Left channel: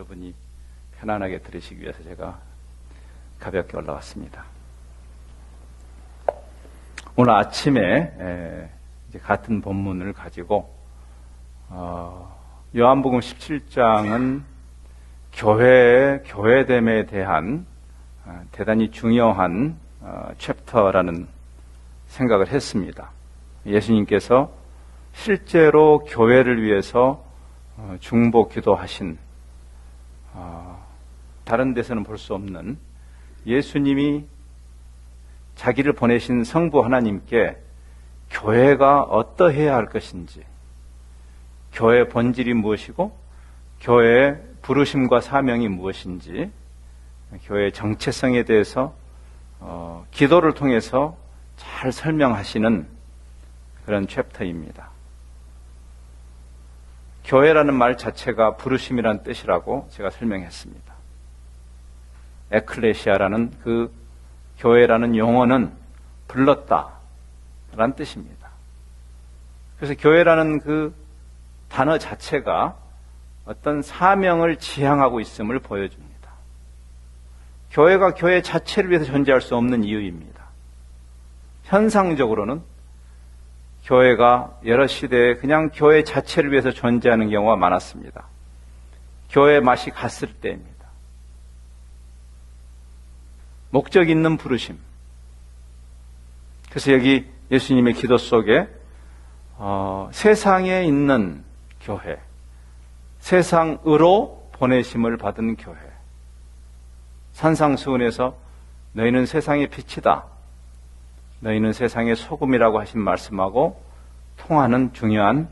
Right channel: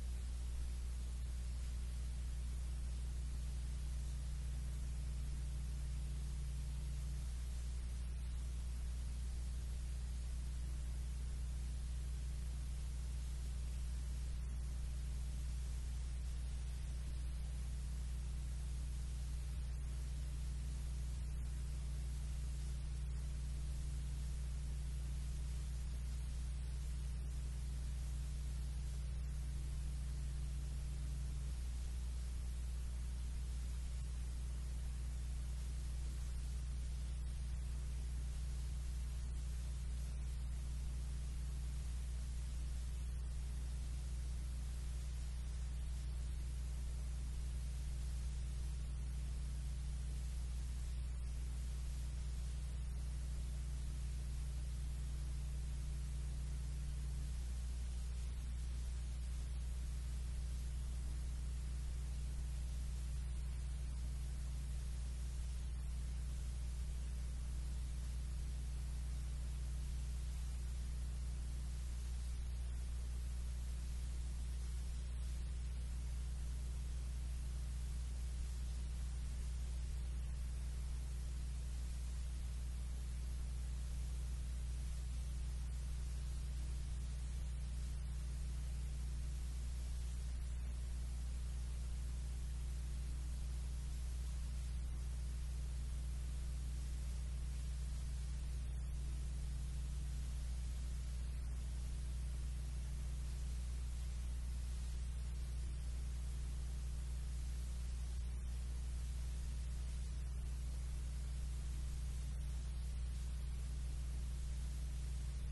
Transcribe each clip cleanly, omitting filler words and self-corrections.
여러분이 편안하게 들으시기 위해서 제가 가볍게 올라왔습니다. 오늘 아침에 같은 본문을 가지고 요한복음 17장은 교회의 교회됨에 대한 대단히 중요한 챕터라는 생각을 했습니다. 예수님께서 실제로 교회를 위해서 중보 기도하신 다른 데서는 볼 수 없는 예수님이 자기를 보내신 성부 하나님께 교회가 어떠해야 할 것인지, 교회의 본질이 무엇이고 교회의 부르심과 사명이 무엇인지, 교회의 정체성에 대해서 기도를 통해서 잘 설명하시는 그런 챕터입니다. 교회라는 말 자체가 부르심이란 뜻이라고 제가 설명했습니다. 에클레시아라는 그 교회라는 용어는 불렀다 라는 뜻입니다. 그래서 교회라는 그 단어 자체가 어떤 사명을 지향하고 있음을 보여줍니다. 교회가 교회 자체를 위해서 존재할 수 없는 이유입니다. 현상적으로는 교회가 여러 시대에 그냥 교회 자체를 위해서 존재하는 경우가 많았습니다. 교회 맛이 갔을 때입니다. 목적 있는 부르심. 그래서 여기 예수님의 기도 속에 세상에 있는 교회, 세상으로 보내심을 받은 교회, 산상수훈에서 너희는 세상의 빛이다, 너희는 세상의 소금이라고 하신 말씀하고 통하는 중요한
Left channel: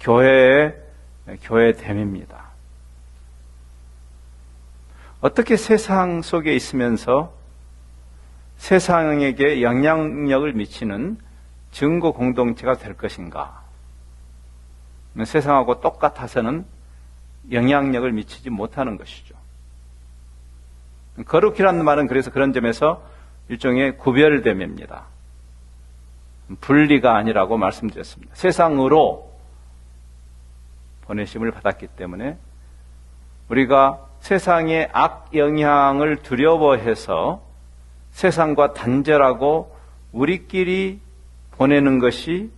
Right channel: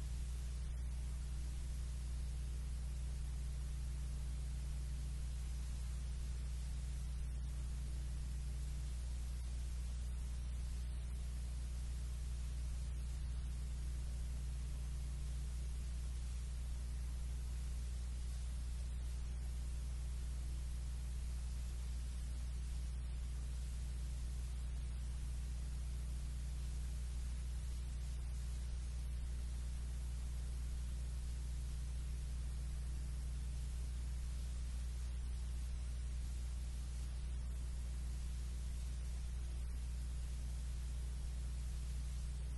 교회됨입니다. 어떻게 세상 속에 있으면서 세상에게 영향력을 미치는 증거 공동체가 될 것인가? 세상하고 똑같아서는 영향력을 미치지 못하는 것이죠. 거룩이라는 말은 그래서 그런 점에서 일종의 구별됨입니다. 분리가 아니라고 말씀드렸습니다. 세상으로 보내심을 받았기 때문에 우리가 세상의 악 영향을 두려워해서 세상과 단절하고 우리끼리 보내는 것이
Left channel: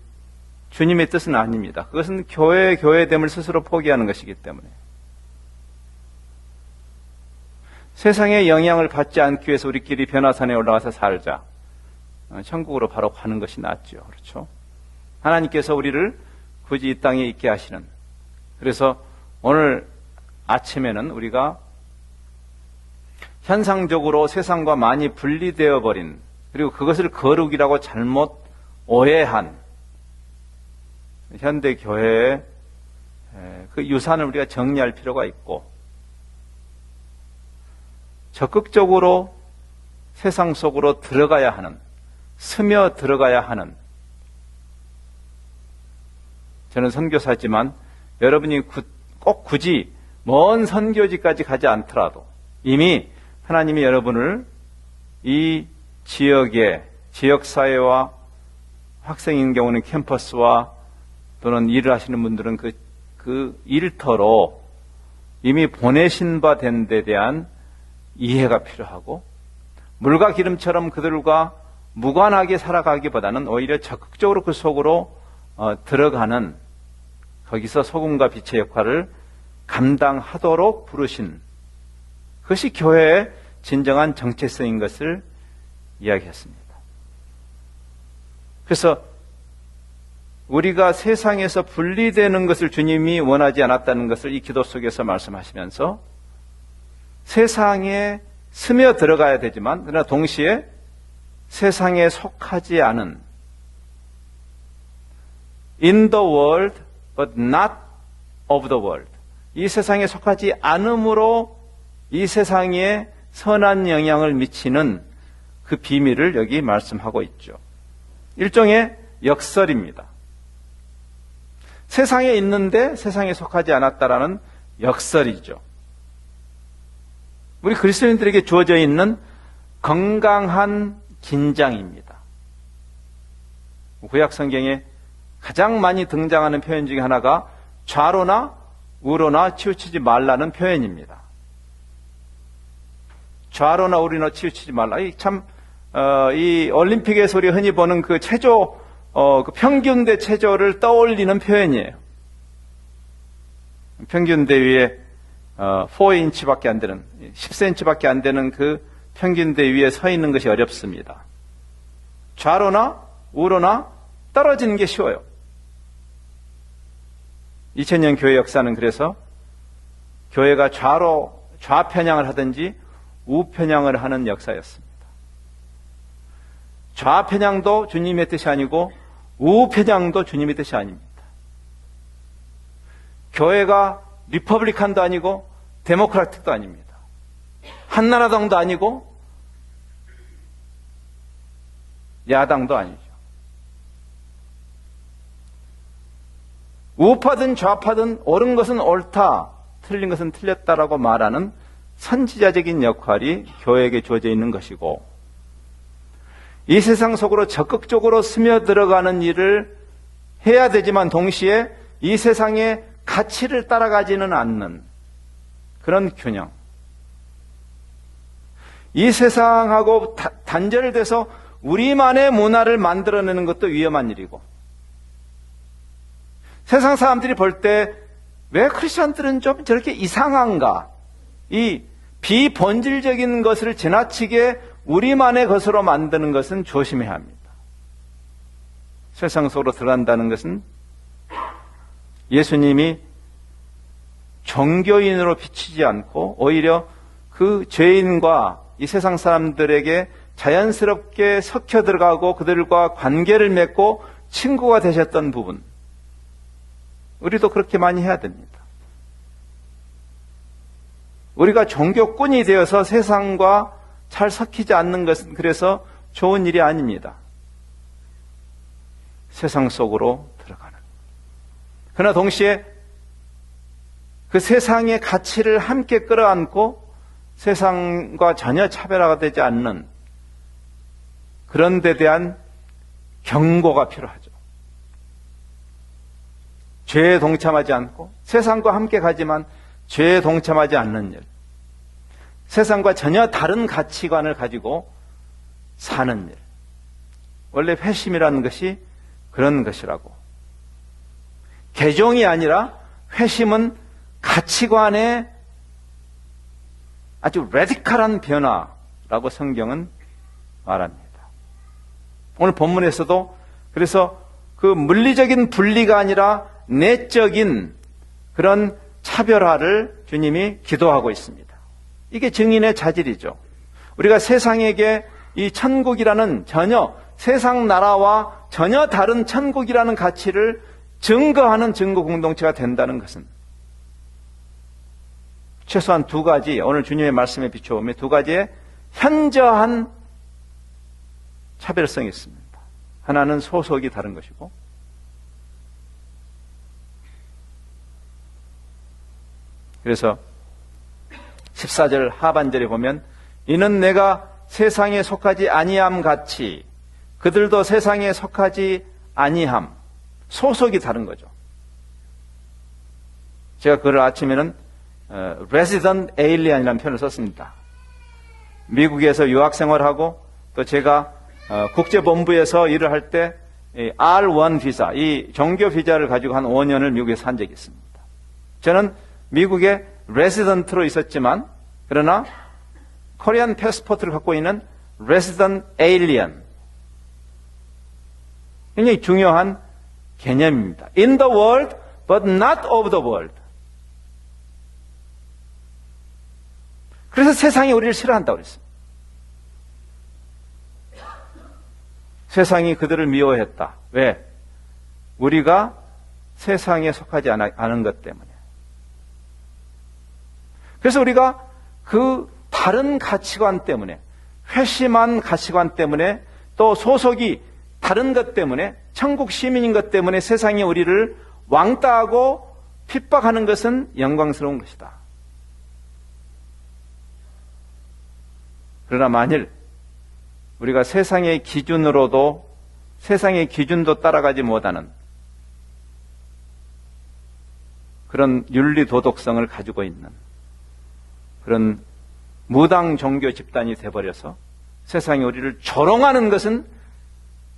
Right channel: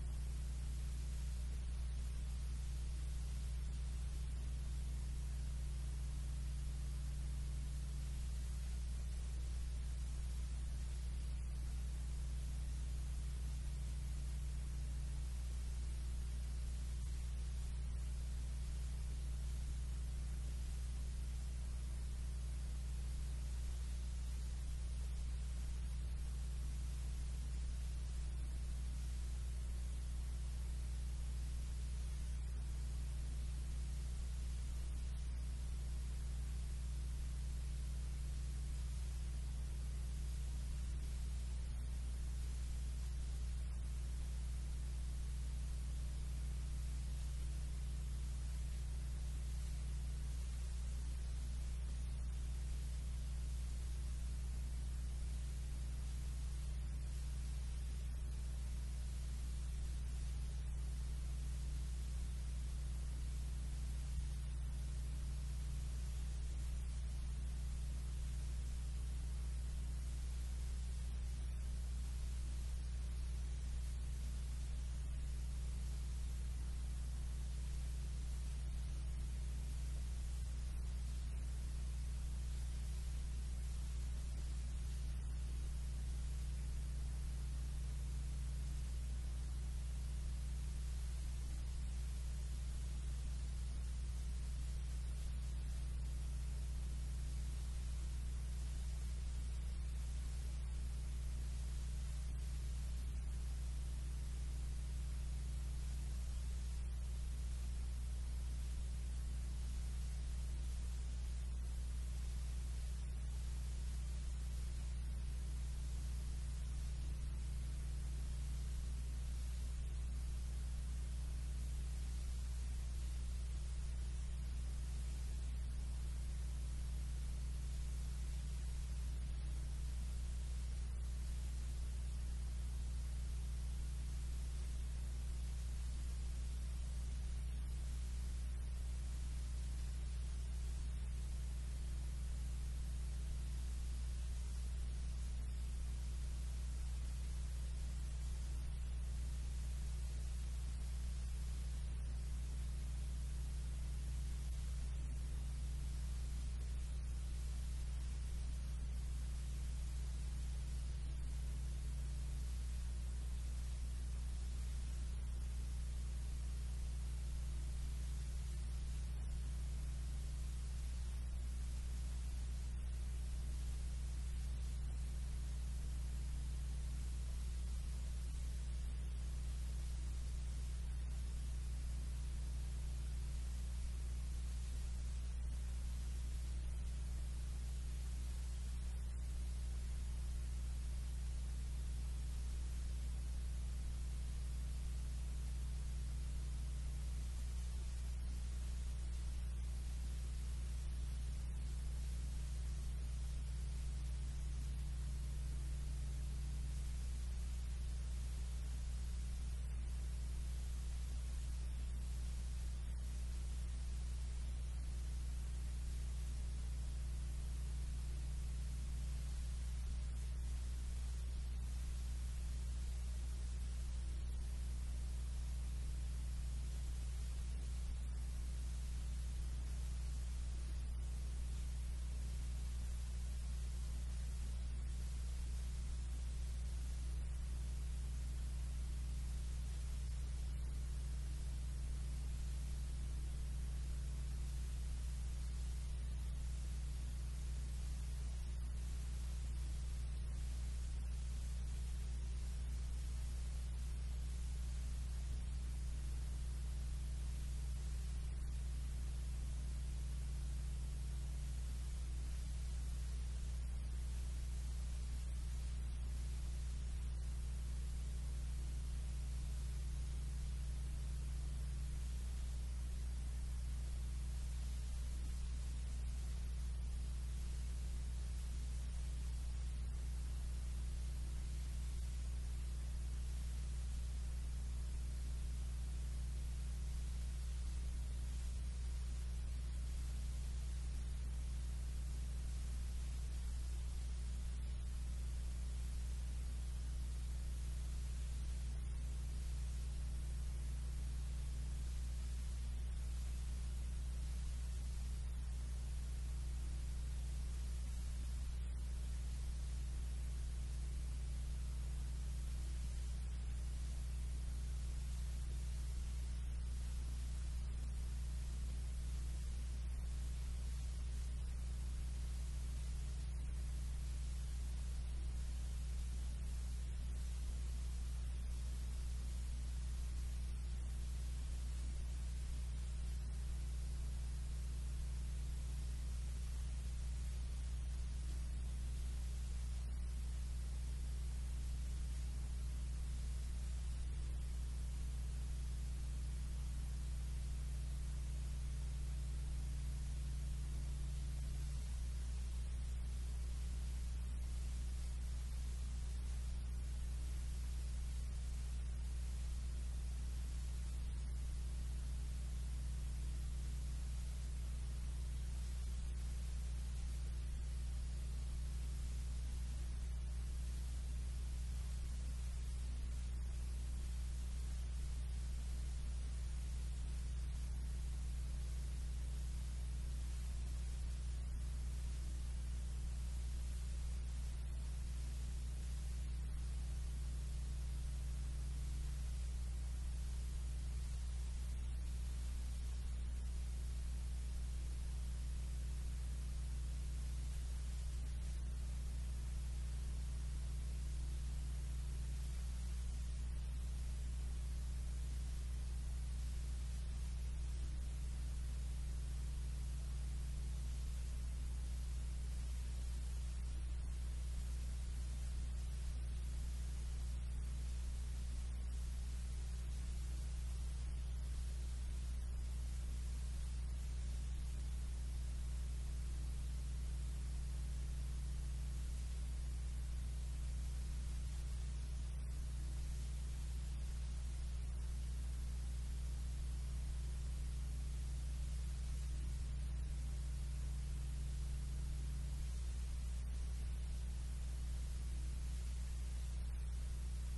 주님의 뜻은 아닙니다. 그것은 교회됨을 스스로 포기하는 것이기 때문에 세상의 영향을 받지 않기 위해서 우리끼리 변화산에 올라가서 살자. 천국으로 바로 가는 것이 낫죠. 그렇죠? 하나님께서 우리를 굳이 이 땅에 있게 하시는. 그래서 오늘 아침에는 우리가 현상적으로 세상과 많이 분리되어 버린, 그리고 그것을 거룩이라고 잘못 오해한 현대 교회의 그 유산을 우리가 정리할 필요가 있고, 적극적으로 세상 속으로 들어가야 하는, 스며 들어가야 하는, 저는 선교사지만 여러분이 꼭 굳이 먼 선교지까지 가지 않더라도 이미 하나님이 여러분을 이 지역의 지역사회와 학생인 경우는 캠퍼스와 또는 일을 하시는 분들은 그 일터로 이미 보내신 바 된 데 대한 이해가 필요하고, 물과 기름처럼 그들과 무관하게 살아가기보다는 오히려 적극적으로 그 속으로 들어가는, 거기서 소금과 빛의 역할을 감당하도록 부르신, 그것이 교회의 진정한 정체성인 것을 이야기했습니다. 그래서 우리가 세상에서 분리되는 것을 주님이 원하지 않았다는 것을 이 기도 속에서 말씀하시면서 세상에 스며 들어가야 되지만 그러나 동시에 세상에 속하지 않은, in the world but not of the world, 이 세상에 속하지 않음으로 이 세상에 선한 영향을 미치는 그 비밀을 여기 말씀하고 있죠. 일종의 역설입니다. 세상에 있는데 세상에 속하지 않았다라는 역설이죠. 우리 그리스도인들에게 주어져 있는 건강한 긴장입니다. 구약 성경에 가장 많이 등장하는 표현 중에 하나가 좌로나 우로나 치우치지 말라는 표현입니다. 좌로나 우로나 치우치지 말라. 이 올림픽에서 우리 흔히 보는 그 체조, 그 평균대 체조를 떠올리는 표현이에요. 평균대 위에 4인치밖에 안 되는, 10cm밖에 안 되는 그 평균대 위에 서 있는 것이 어렵습니다. 좌로나 우로나 떨어지는 게 쉬워요. 2000년 교회 역사는 그래서 교회가 좌편향을 하든지 우편향을 하는 역사였습니다. 좌편향도 주님의 뜻이 아니고 우편향도 주님의 뜻이 아닙니다. 교회가 리퍼블리칸도 아니고 데모크라틱도 아닙니다. 한나라당도 아니고 야당도 아니죠. 우파든 좌파든 옳은 것은 옳다, 틀린 것은 틀렸다라고 말하는 선지자적인 역할이 교회에게 주어져 있는 것이고, 이 세상 속으로 적극적으로 스며들어가는 일을 해야 되지만 동시에 이 세상의 가치를 따라가지는 않는 그런 균형. 이 세상하고 단절돼서 우리만의 문화를 만들어내는 것도 위험한 일이고, 세상 사람들이 볼 때 왜 크리스천들은 좀 저렇게 이상한가? 이 비본질적인 것을 지나치게 우리만의 것으로 만드는 것은 조심해야 합니다. 세상 속으로 들어간다는 것은 예수님이 종교인으로 비치지 않고 오히려 그 죄인과 이 세상 사람들에게 자연스럽게 섞여 들어가고 그들과 관계를 맺고 친구가 되셨던 부분, 우리도 그렇게 많이 해야 됩니다. 우리가 종교꾼이 되어서 세상과 잘 섞이지 않는 것은 그래서 좋은 일이 아닙니다. 세상 속으로 들어가는. 그러나 동시에 그 세상의 가치를 함께 끌어안고 세상과 전혀 차별화가 되지 않는 그런 데 대한 경고가 필요하죠. 죄에 동참하지 않고 세상과 함께 가지만 죄에 동참하지 않는 일, 세상과 전혀 다른 가치관을 가지고 사는 일. 원래 회심이라는 것이 그런 것이라고. 개종이 아니라 회심은 가치관의 아주 레디컬한 변화라고 성경은 말합니다. 오늘 본문에서도 그래서 그 물리적인 분리가 아니라 내적인 그런 차별화를 주님이 기도하고 있습니다. 이게 증인의 자질이죠. 우리가 세상에게 이 천국이라는 전혀 세상 나라와 전혀 다른 천국이라는 가치를 증거하는 증거 공동체가 된다는 것은 최소한 두 가지, 오늘 주님의 말씀에 비춰보면 두 가지의 현저한 차별성이 있습니다. 하나는 소속이 다른 것이고, 그래서 14절 하반절에 보면 이는 내가 세상에 속하지 아니함 같이 그들도 세상에 속하지 아니함. 소속이 다른 거죠. 제가 그걸 아침에는 resident alien이라는 표현을 썼습니다. 미국에서 유학 생활하고 또 제가 국제본부에서 일을 할 때 R1 비자, 이 종교 비자를 가지고 한 5년을 미국에서 산 적이 있습니다. 저는 미국에 레지던트로 있었지만 그러나 코리안 패스포트를 갖고 있는 레지던트 에일리언, 굉장히 중요한 개념입니다. In the world, but not of the world. 그래서 세상이 우리를 싫어한다고 그랬습니다. 세상이 그들을 미워했다. 왜? 우리가 세상에 속하지 않은 것 때문에. 그래서 우리가 그 다른 가치관 때문에, 회심한 가치관 때문에, 또 소속이 다른 것 때문에, 천국 시민인 것 때문에 세상이 우리를 왕따하고 핍박하는 것은 영광스러운 것이다. 그러나 만일 우리가 세상의 기준으로도, 세상의 기준도 따라가지 못하는 그런 윤리 도덕성을 가지고 있는 그런 무당 종교 집단이 돼버려서 세상이 우리를 조롱하는 것은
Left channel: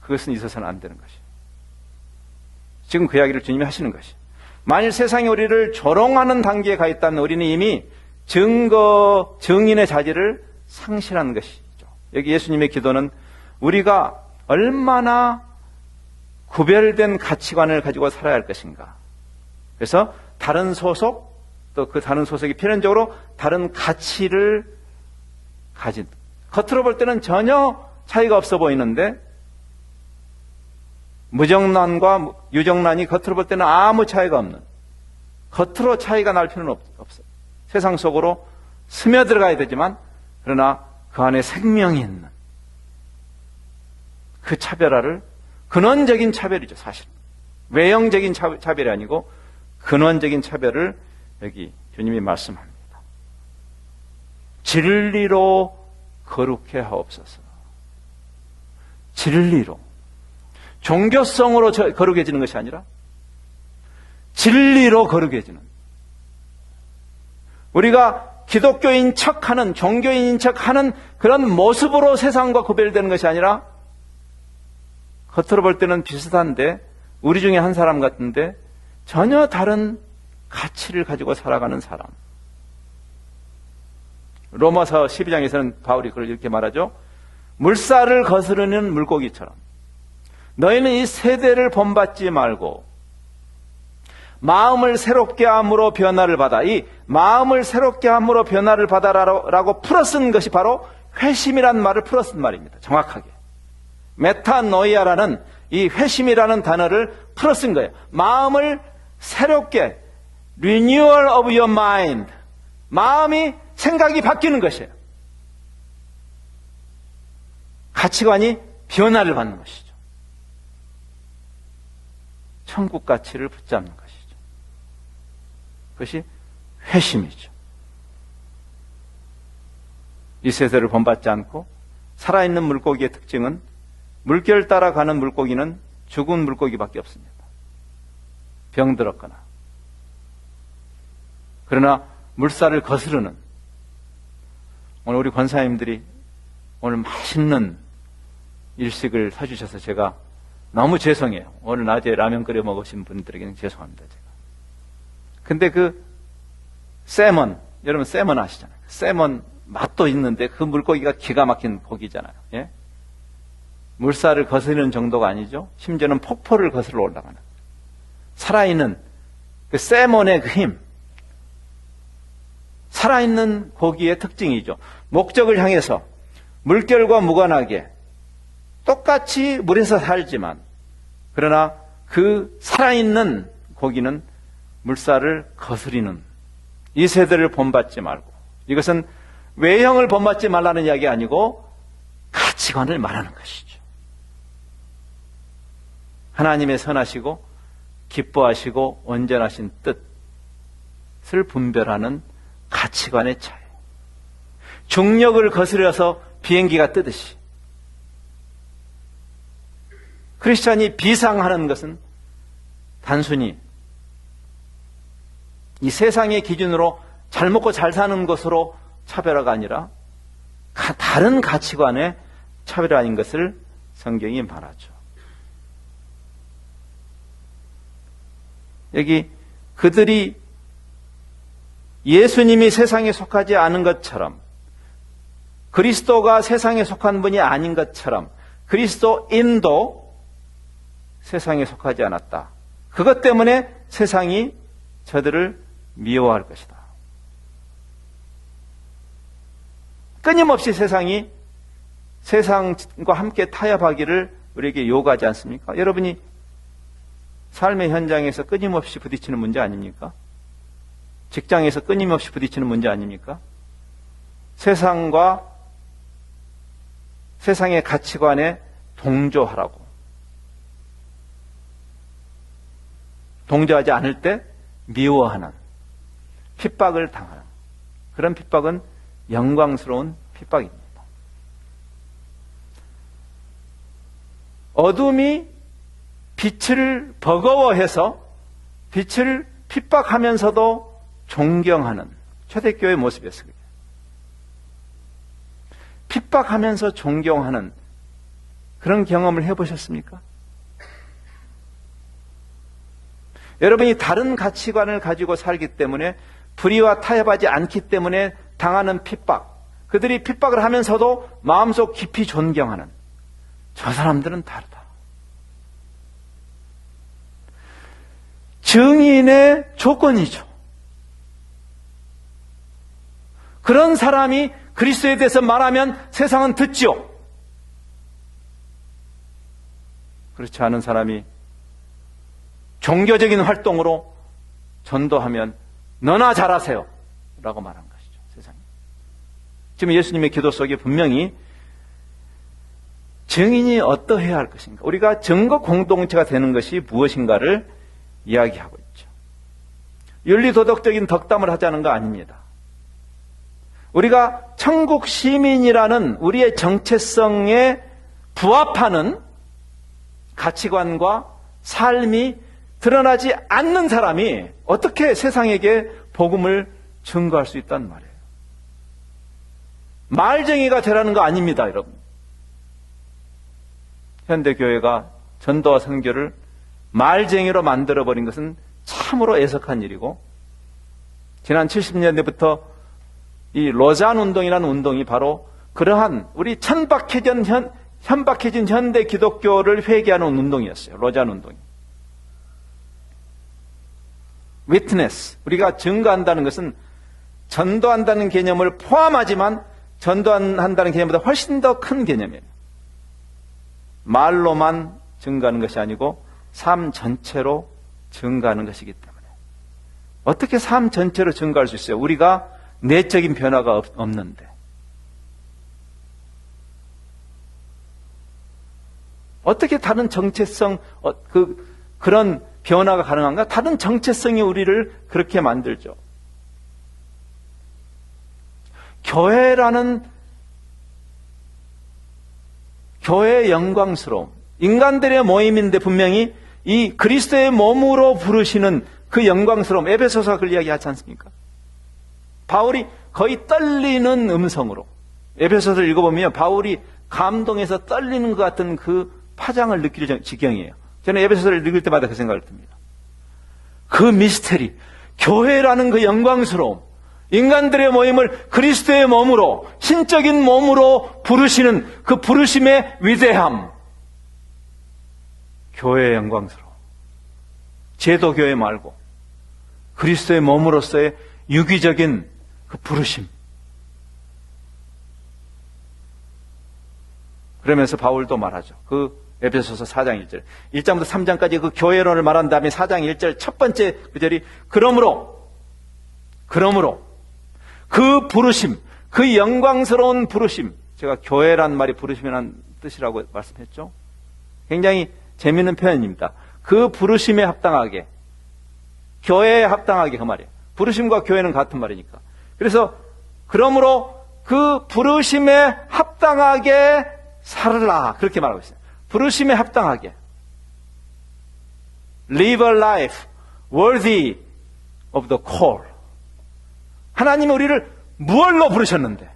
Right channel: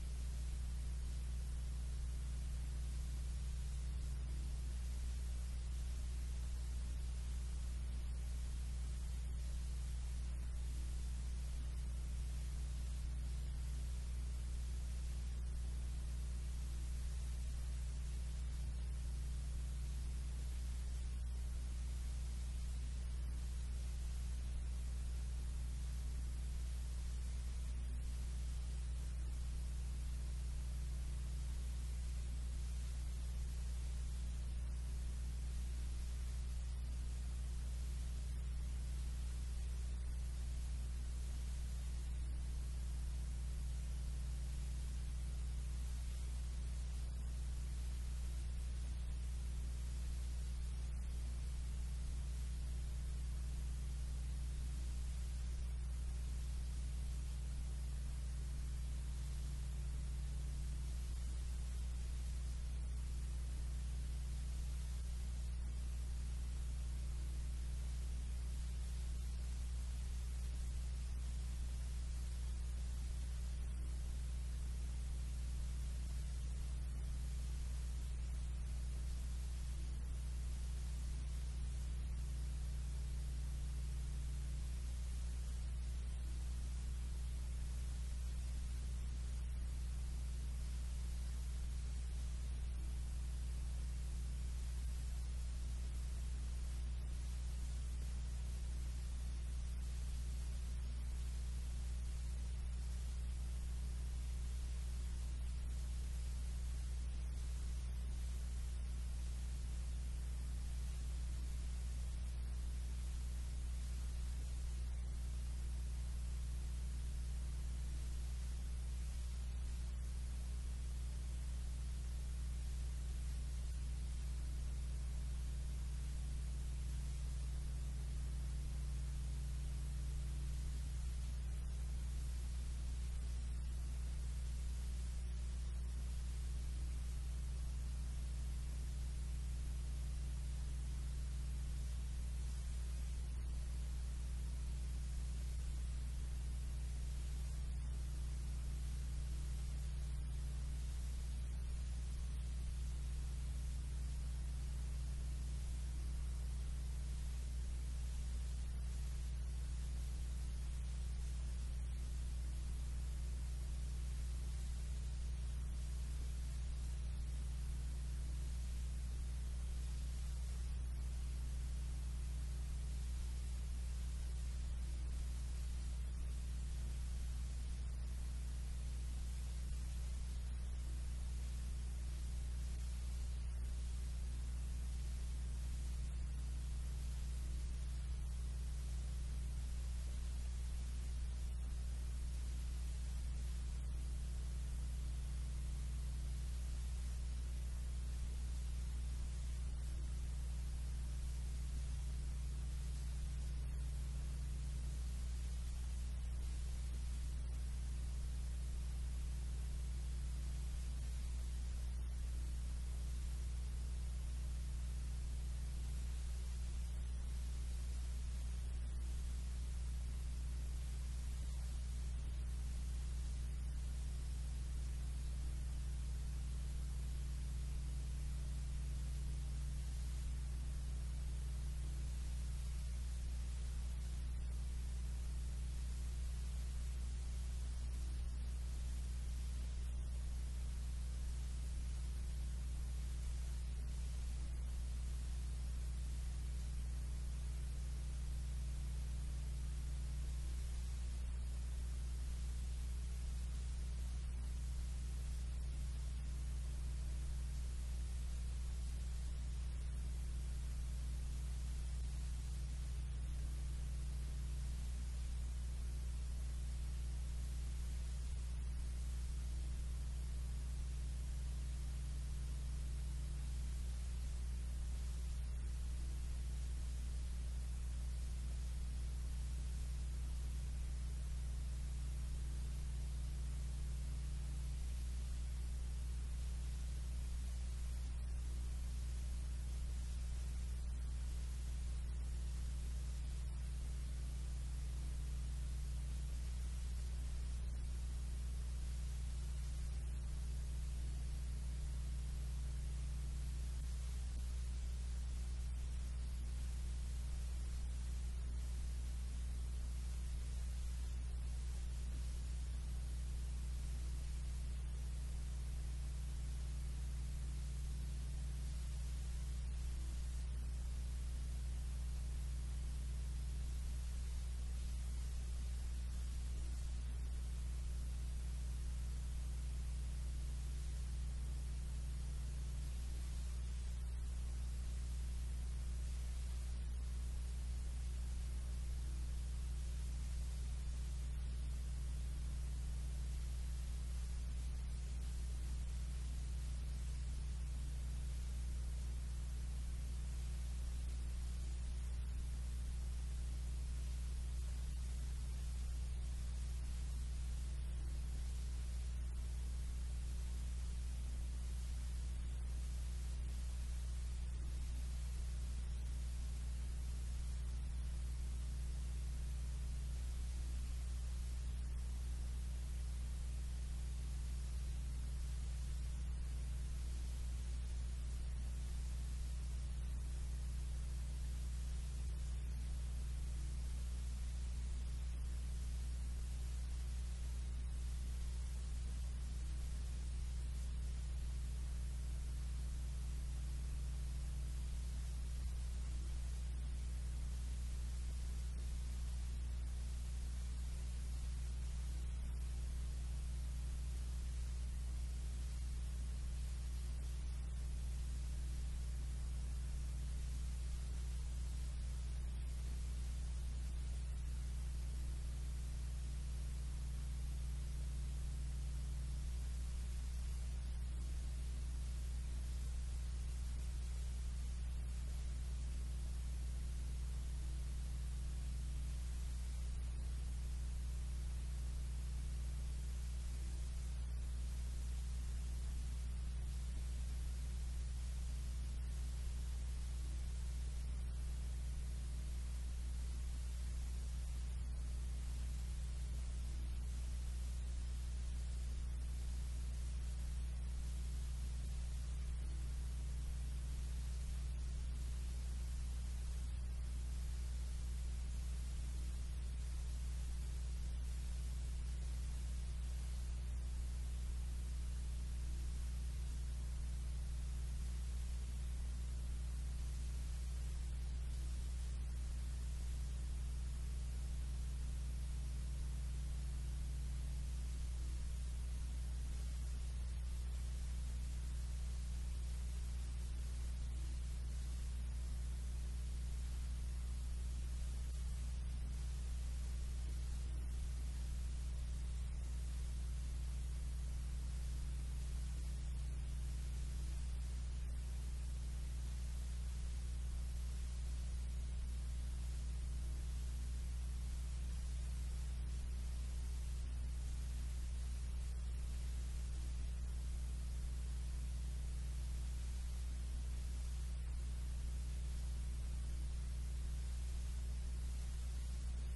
그것은 있어서는 안 되는 것이에요. 지금 그 이야기를 주님이 하시는 것이에요. 만일 세상이 우리를 조롱하는 단계에 가 있다면 우리는 이미 증인의 자질을 상실하는 것이죠. 여기 예수님의 기도는 우리가 얼마나 구별된 가치관을 가지고 살아야 할 것인가. 그래서 다른 소속, 또 그 다른 소속이 필연적으로 다른 가치를 가진, 겉으로 볼 때는 전혀 차이가 없어 보이는데 무정란과 유정란이 겉으로 볼 때는 아무 차이가 없는, 겉으로 차이가 날 필요는 없어요. 세상 속으로 스며들어가야 되지만 그러나 그 안에 생명이 있는 그 차별화를, 근원적인 차별이죠, 사실. 외형적인 차별이 아니고 근원적인 차별을 여기 주님이 말씀합니다. 진리로 거룩해 하옵소서. 진리로. 종교성으로 거룩해지는 것이 아니라 진리로 거룩해지는. 우리가 기독교인 척하는, 종교인인 척하는 그런 모습으로 세상과 구별되는 것이 아니라 겉으로 볼 때는 비슷한데 우리 중에 한 사람 같은데 전혀 다른 가치를 가지고 살아가는 사람. 로마서 12장에서는 바울이 그걸 이렇게 말하죠. 물살을 거스르는 물고기처럼 너희는 이 세대를 본받지 말고 마음을 새롭게 함으로 변화를 받아. 이 마음을 새롭게 함으로 변화를 받아라고 풀어쓴 것이 바로 회심이란 말을 풀어쓴 말입니다. 정확하게. 메타노이아라는 이 회심이라는 단어를 풀어쓴 거예요. 마음을 새롭게, renewal of your mind. 마음이, 생각이 바뀌는 것이에요. 가치관이 변화를 받는 것이죠. 천국 가치를 붙잡는 것이죠. 그것이 회심이죠. 이 세대를 본받지 않고 살아있는 물고기의 특징은 물결 따라가는 물고기는 죽은 물고기밖에 없습니다. 병들었거나. 그러나 물살을 거스르는, 오늘 우리 권사님들이 오늘 맛있는 일식을 사주셔서 제가 너무 죄송해요. 오늘 낮에 라면 끓여 먹으신 분들에게는 죄송합니다. 제가. 근데 그 세먼, 여러분 세먼 아시잖아요. 세먼 맛도 있는데 그 물고기가 기가 막힌 고기잖아요. 예? 물살을 거스르는 정도가 아니죠. 심지어는 폭포를 거슬러 올라가는 살아있는 그 세몬의 그 힘, 살아있는 고기의 특징이죠. 목적을 향해서 물결과 무관하게 똑같이 물에서 살지만 그러나 그 살아있는 고기는 물살을 거스리는, 이 세대를 본받지 말고, 이것은 외형을 본받지 말라는 이야기 아니고 가치관을 말하는 것이죠. 하나님의 선하시고 기뻐하시고 온전하신 뜻을 분별하는 가치관의 차이. 중력을 거스려서 비행기가 뜨듯이 크리스찬이 비상하는 것은 단순히 이 세상의 기준으로 잘 먹고 잘 사는 것으로 차별화가 아니라 다른 가치관의 차별화인 것을 성경이 말하죠. 여기 그들이 예수님이 세상에 속하지 않은 것처럼, 그리스도가 세상에 속한 분이 아닌 것처럼 그리스도인도 세상에 속하지 않았다. 그것 때문에 세상이 저들을 미워할 것이다. 끊임없이 세상이 세상과 함께 타협하기를 우리에게 요구하지 않습니까? 여러분이 삶의 현장에서 끊임없이 부딪히는 문제 아닙니까? 직장에서 끊임없이 부딪히는 문제 아닙니까? 세상과 세상의 가치관에 동조하라고. 동조하지 않을 때 미워하는, 핍박을 당하는, 그런 핍박은 영광스러운 핍박입니다. 어둠이 빛을 버거워해서 빛을 핍박하면서도 존경하는 초대교회의 모습이었어요. 핍박하면서 존경하는 그런 경험을 해보셨습니까? 여러분이 다른 가치관을 가지고 살기 때문에 불의와 타협하지 않기 때문에 당하는 핍박, 그들이 핍박을 하면서도 마음속 깊이 존경하는 저 사람들은 다르다. 증인의 조건이죠. 그런 사람이 그리스도에 대해서 말하면 세상은 듣지요. 그렇지 않은 사람이 종교적인 활동으로 전도하면 너나 잘하세요 라고 말한 것이죠. 세상에. 지금 예수님의 기도 속에 분명히 증인이 어떠해야 할 것인가, 우리가 증거 공동체가 되는 것이 무엇인가를 이야기하고 있죠. 윤리도덕적인 덕담을 하자는 거 아닙니다. 우리가 천국 시민이라는 우리의 정체성에 부합하는 가치관과 삶이 드러나지 않는 사람이 어떻게 세상에게 복음을 증거할 수 있단 말이에요. 말쟁이가 되라는 거 아닙니다, 여러분. 현대교회가 전도와 선교를 말쟁이로 만들어버린 것은 참으로 애석한 일이고, 지난 70년대부터 이 로잔 운동이라는 운동이 바로 그러한 우리 현박해진 현대 기독교를 회개하는 운동이었어요. 로잔 운동이. 위트네스, 우리가 증거한다는 것은 전도한다는 개념을 포함하지만 전도한다는 개념보다 훨씬 더 큰 개념이에요. 말로만 증거하는 것이 아니고 삶 전체로 증거하는 것이기 때문에. 어떻게 삶 전체로 증거할 수 있어요? 우리가 내적인 변화가 없는데. 어떻게 다른 정체성, 그런 변화가 가능한가? 다른 정체성이 우리를 그렇게 만들죠. 교회라는, 교회의 영광스러움, 인간들의 모임인데 분명히 이 그리스도의 몸으로 부르시는 그 영광스러움, 에베소서가 그걸 이야기하지 않습니까? 바울이 거의 떨리는 음성으로, 에베소서를 읽어보면 바울이 감동해서 떨리는 것 같은 그 파장을 느낄 지경이에요. 저는 에베소서를 읽을 때마다 그 생각을 듭니다. 그 미스테리, 교회라는 그 영광스러움, 인간들의 모임을 그리스도의 몸으로, 신적인 몸으로 부르시는 그 부르심의 위대함, 교회의 영광스러움. 제도교회 말고 그리스도의 몸으로서의 유기적인 그 부르심. 그러면서 바울도 말하죠. 그 에베소서 4장 1절, 1장부터 3장까지 그 교회론을 말한 다음에 4장 1절 첫 번째 구절이 그러므로 그 부르심, 그 영광스러운 부르심, 제가 교회란 말이 부르심이라는 뜻이라고 말씀했죠. 굉장히 재미있는 표현입니다. 그 부르심에 합당하게, 교회에 합당하게, 그 말이에요. 부르심과 교회는 같은 말이니까. 그래서 그러므로 그 부르심에 합당하게 살라, 그렇게 말하고 있어요. 부르심에 합당하게. Live a life worthy of the call. 하나님이 우리를 무얼로 부르셨는데,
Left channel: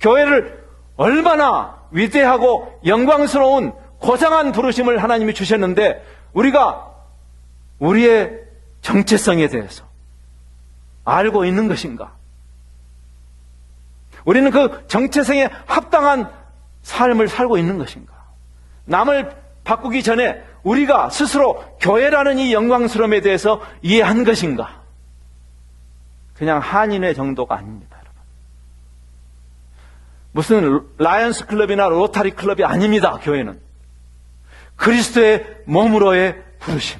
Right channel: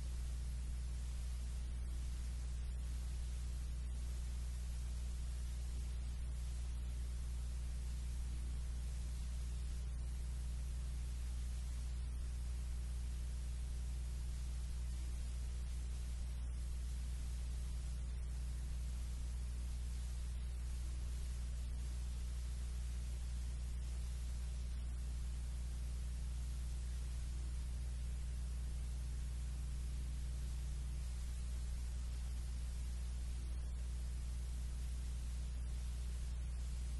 교회를 얼마나 위대하고 영광스러운 고상한 부르심을 하나님이 주셨는데, 우리가 우리의 정체성에 대해서 알고 있는 것인가? 우리는 그 정체성에 합당한 삶을 살고 있는 것인가? 남을 바꾸기 전에 우리가 스스로 교회라는 이 영광스러움에 대해서 이해한 것인가? 그냥 한인회 정도가 아닙니다, 여러분. 무슨 라이언스 클럽이나 로타리 클럽이 아닙니다, 교회는. 그리스도의 몸으로의 부르심.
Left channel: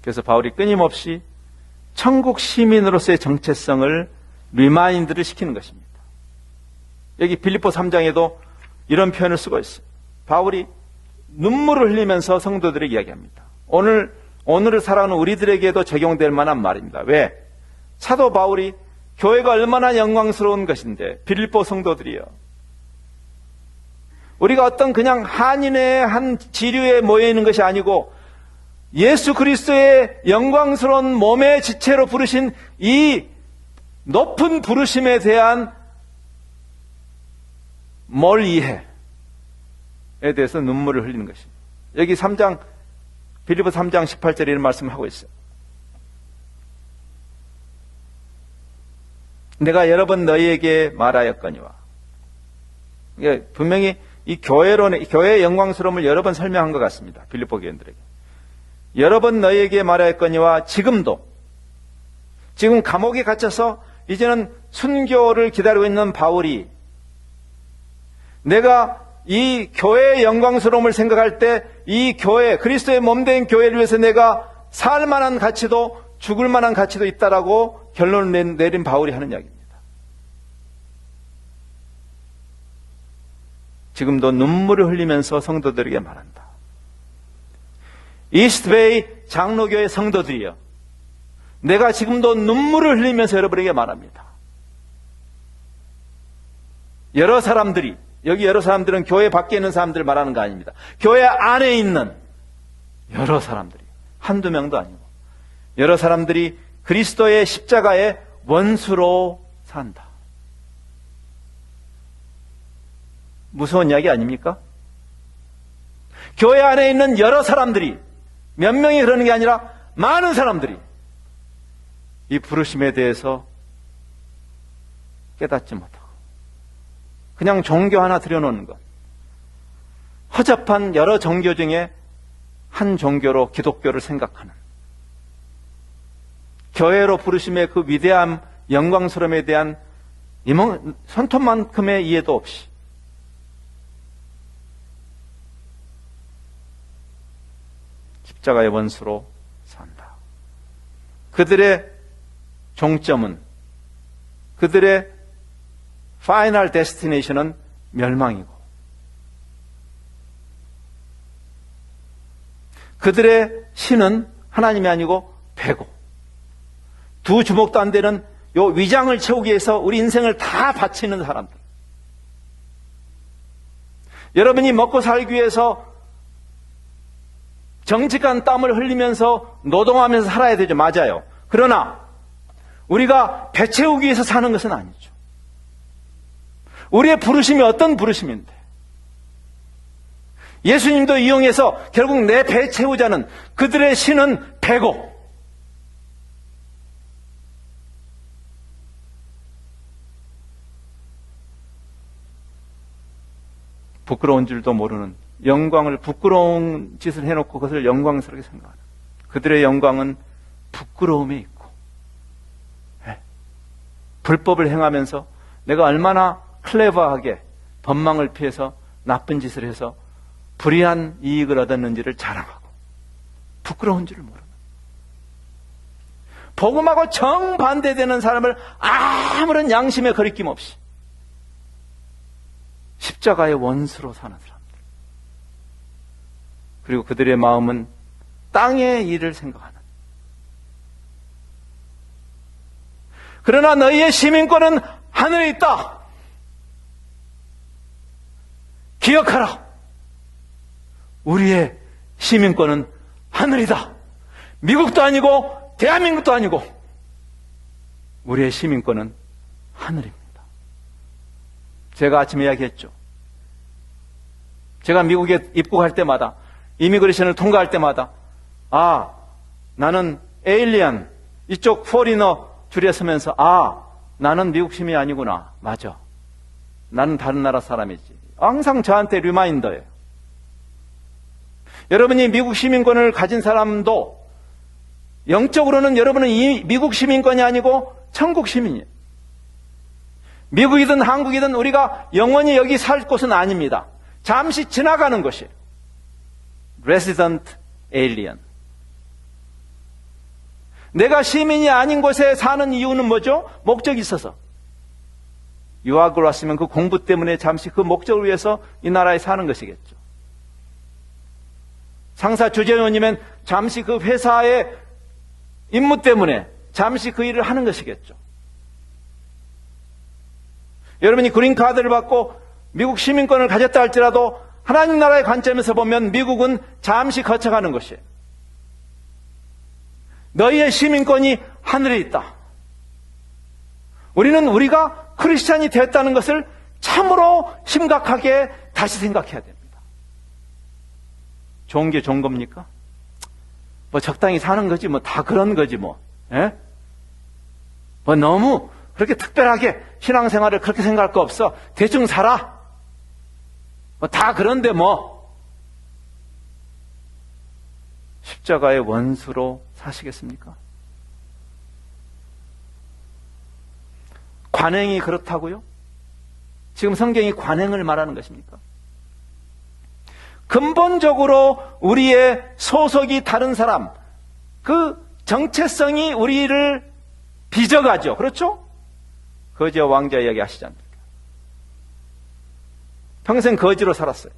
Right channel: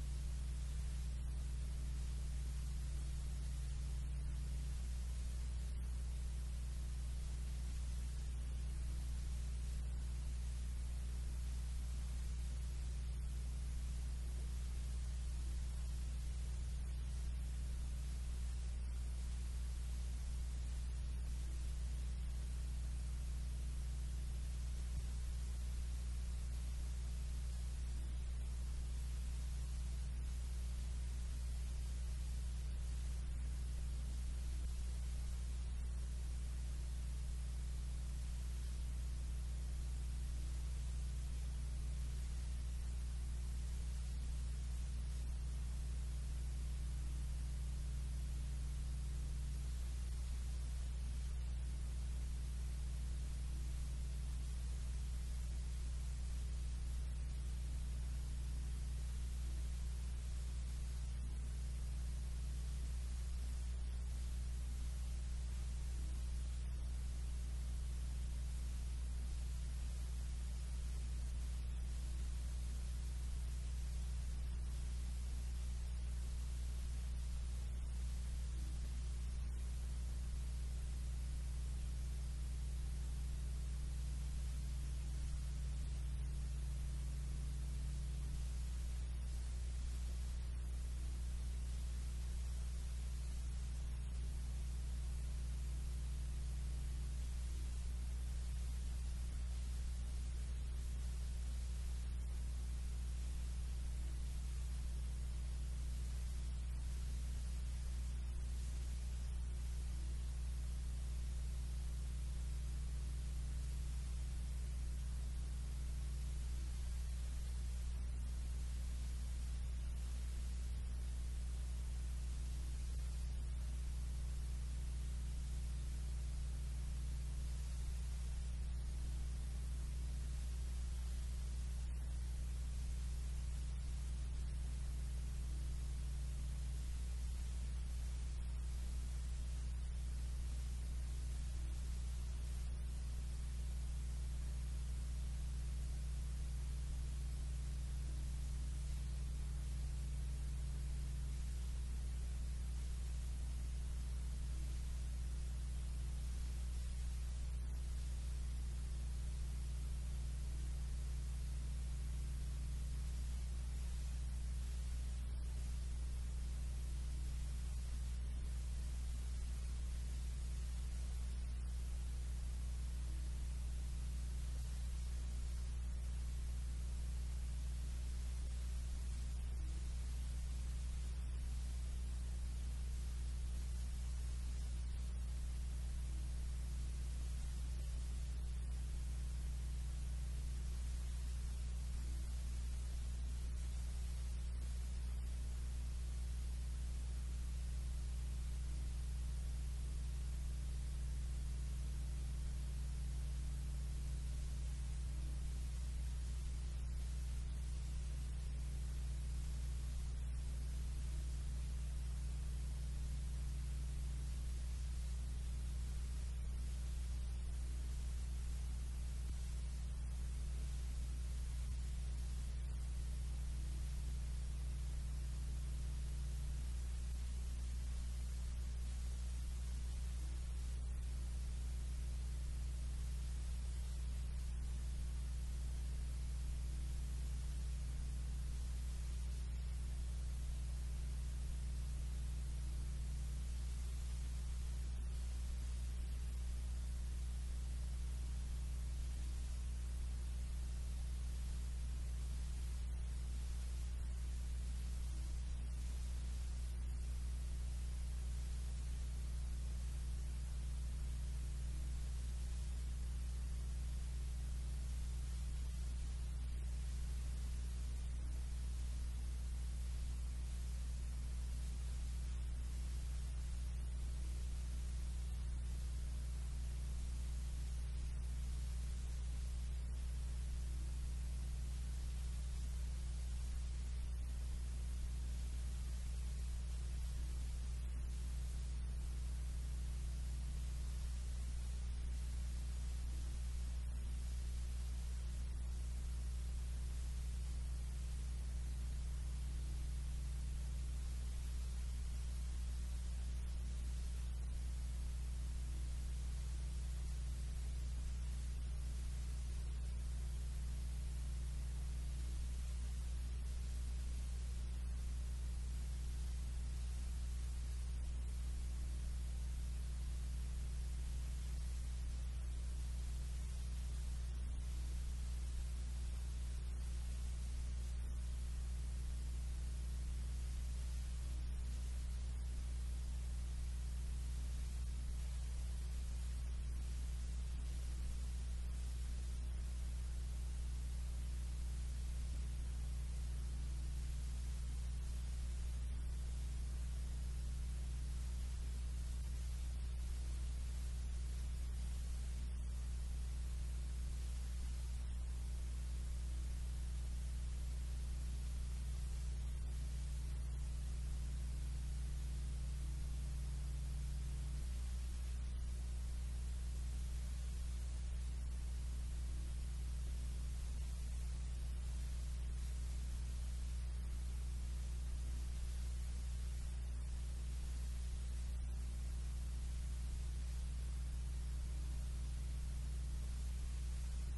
그래서 바울이 끊임없이 천국 시민으로서의 정체성을 리마인드를 시키는 것입니다. 여기 빌립보 3장에도 이런 표현을 쓰고 있어요. 바울이 눈물을 흘리면서 성도들에게 이야기합니다. 오늘을 살아가는 우리들에게도 적용될 만한 말입니다. 왜? 사도 바울이 교회가 얼마나 영광스러운 것인데, 빌립보 성도들이요, 우리가 어떤 그냥 한인의 한 지류에 모여 있는 것이 아니고 예수 그리스도의 영광스러운 몸의 지체로 부르신 이 높은 부르심에 대한 뭘 이해에 대해서 눈물을 흘리는 것입니다. 여기 3장 빌립보 3장 18절에 이런 말씀을 하고 있어요. 내가 여러 번 너희에게 말하였거니와. 분명히 이 교회의 영광스러움을 여러 번 설명한 것 같습니다. 빌립보 교인들에게. 여러 번 너희에게 말하였거니와 지금도, 지금 감옥에 갇혀서 이제는 순교를 기다리고 있는 바울이 내가 이 교회의 영광스러움을 생각할 때 이 교회, 그리스도의 몸된 교회를 위해서 내가 살 만한 가치도 죽을 만한 가치도 있다라고 결론을 내린 바울이 하는 이야기입니다. 지금도 눈물을 흘리면서 성도들에게 말한다. 이스트베이 장로교회 성도들이여, 내가 지금도 눈물을 흘리면서 여러분에게 말합니다. 여러 사람들이, 여기 여러 사람들은 교회 밖에 있는 사람들을 말하는 거 아닙니다. 교회 안에 있는 여러 사람들이, 한두 명도 아니고 여러 사람들이 그리스도의 십자가의 원수로 산다. 무서운 이야기 아닙니까? 교회 안에 있는 여러 사람들이, 몇 명이 그러는 게 아니라 많은 사람들이 이 부르심에 대해서 깨닫지 못하고 그냥 종교 하나 들여놓는 것, 허접한 여러 종교 중에 한 종교로 기독교를 생각하는, 교회로 부르심의 그 위대함, 영광스러움에 대한 손톱만큼의 이해도 없이 십자가의 원수로 산다. 그들의 종점은, 그들의 파이널 데스티네이션은 멸망이고, 그들의 신은 하나님이 아니고 배고, 두 주먹도 안 되는 요 위장을 채우기 위해서 우리 인생을 다 바치는 사람들. 여러분이 먹고 살기 위해서 정직한 땀을 흘리면서 노동하면서 살아야 되죠. 맞아요. 그러나 우리가 배 채우기 위해서 사는 것은 아니죠. 우리의 부르심이 어떤 부르심인데, 예수님도 이용해서 결국 내 배 채우자는, 그들의 신은 배고, 부끄러운 줄도 모르는, 영광을, 부끄러운 짓을 해놓고 그것을 영광스럽게 생각하는, 그들의 영광은 부끄러움에 있고, 불법을 행하면서 내가 얼마나 클레버하게 법망을 피해서 나쁜 짓을 해서 불의한 이익을 얻었는지를 자랑하고, 부끄러운 줄을 모르는, 복음하고 정반대되는 사람을 아무런 양심의 거리낌 없이 십자가의 원수로 사는 사람들. 그리고 그들의 마음은 땅의 일을 생각하는. 그러나 너희의 시민권은 하늘에 있다. 기억하라. 우리의 시민권은 하늘이다. 미국도 아니고 대한민국도 아니고 우리의 시민권은 하늘입니다. 제가 아침에 이야기했죠. 제가 미국에 입국할 때마다, 이미그레이션을 통과할 때마다, 아, 나는 에일리언, 이쪽 포리너 줄에 서면서, 아, 나는 미국 시민이 아니구나. 맞아. 나는 다른 나라 사람이지. 항상 저한테 리마인더예요. 여러분이 미국 시민권을 가진 사람도 영적으로는 여러분은 이 미국 시민권이 아니고 천국 시민이에요. 미국이든 한국이든 우리가 영원히 여기 살 곳은 아닙니다. 잠시 지나가는 것이에요. Resident Alien. 내가 시민이 아닌 곳에 사는 이유는 뭐죠? 목적이 있어서. 유학을 왔으면 그 공부 때문에 잠시 그 목적을 위해서 이 나라에 사는 것이겠죠. 상사 주재원이면 잠시 그 회사의 임무 때문에 잠시 그 일을 하는 것이겠죠. 여러분이 그린카드를 받고 미국 시민권을 가졌다 할지라도 하나님 나라의 관점에서 보면 미국은 잠시 거쳐가는 것이에요. 너희의 시민권이 하늘에 있다. 우리는 우리가 크리스찬이 되었다는 것을 참으로 심각하게 다시 생각해야 됩니다. 좋은 게 좋은 겁니까? 뭐 적당히 사는 거지 뭐 다 그런 거지 뭐. 예? 뭐 너무 그렇게 특별하게 신앙생활을 그렇게 생각할 거 없어. 대충 살아. 뭐 다 그런데 뭐. 십자가의 원수로 사시겠습니까? 관행이 그렇다고요? 지금 성경이 관행을 말하는 것입니까? 근본적으로 우리의 소속이 다른 사람, 그 정체성이 우리를 빚어가죠. 그렇죠? 거지와 왕자 이야기 하시지 않습니까? 평생 거지로 살았어요.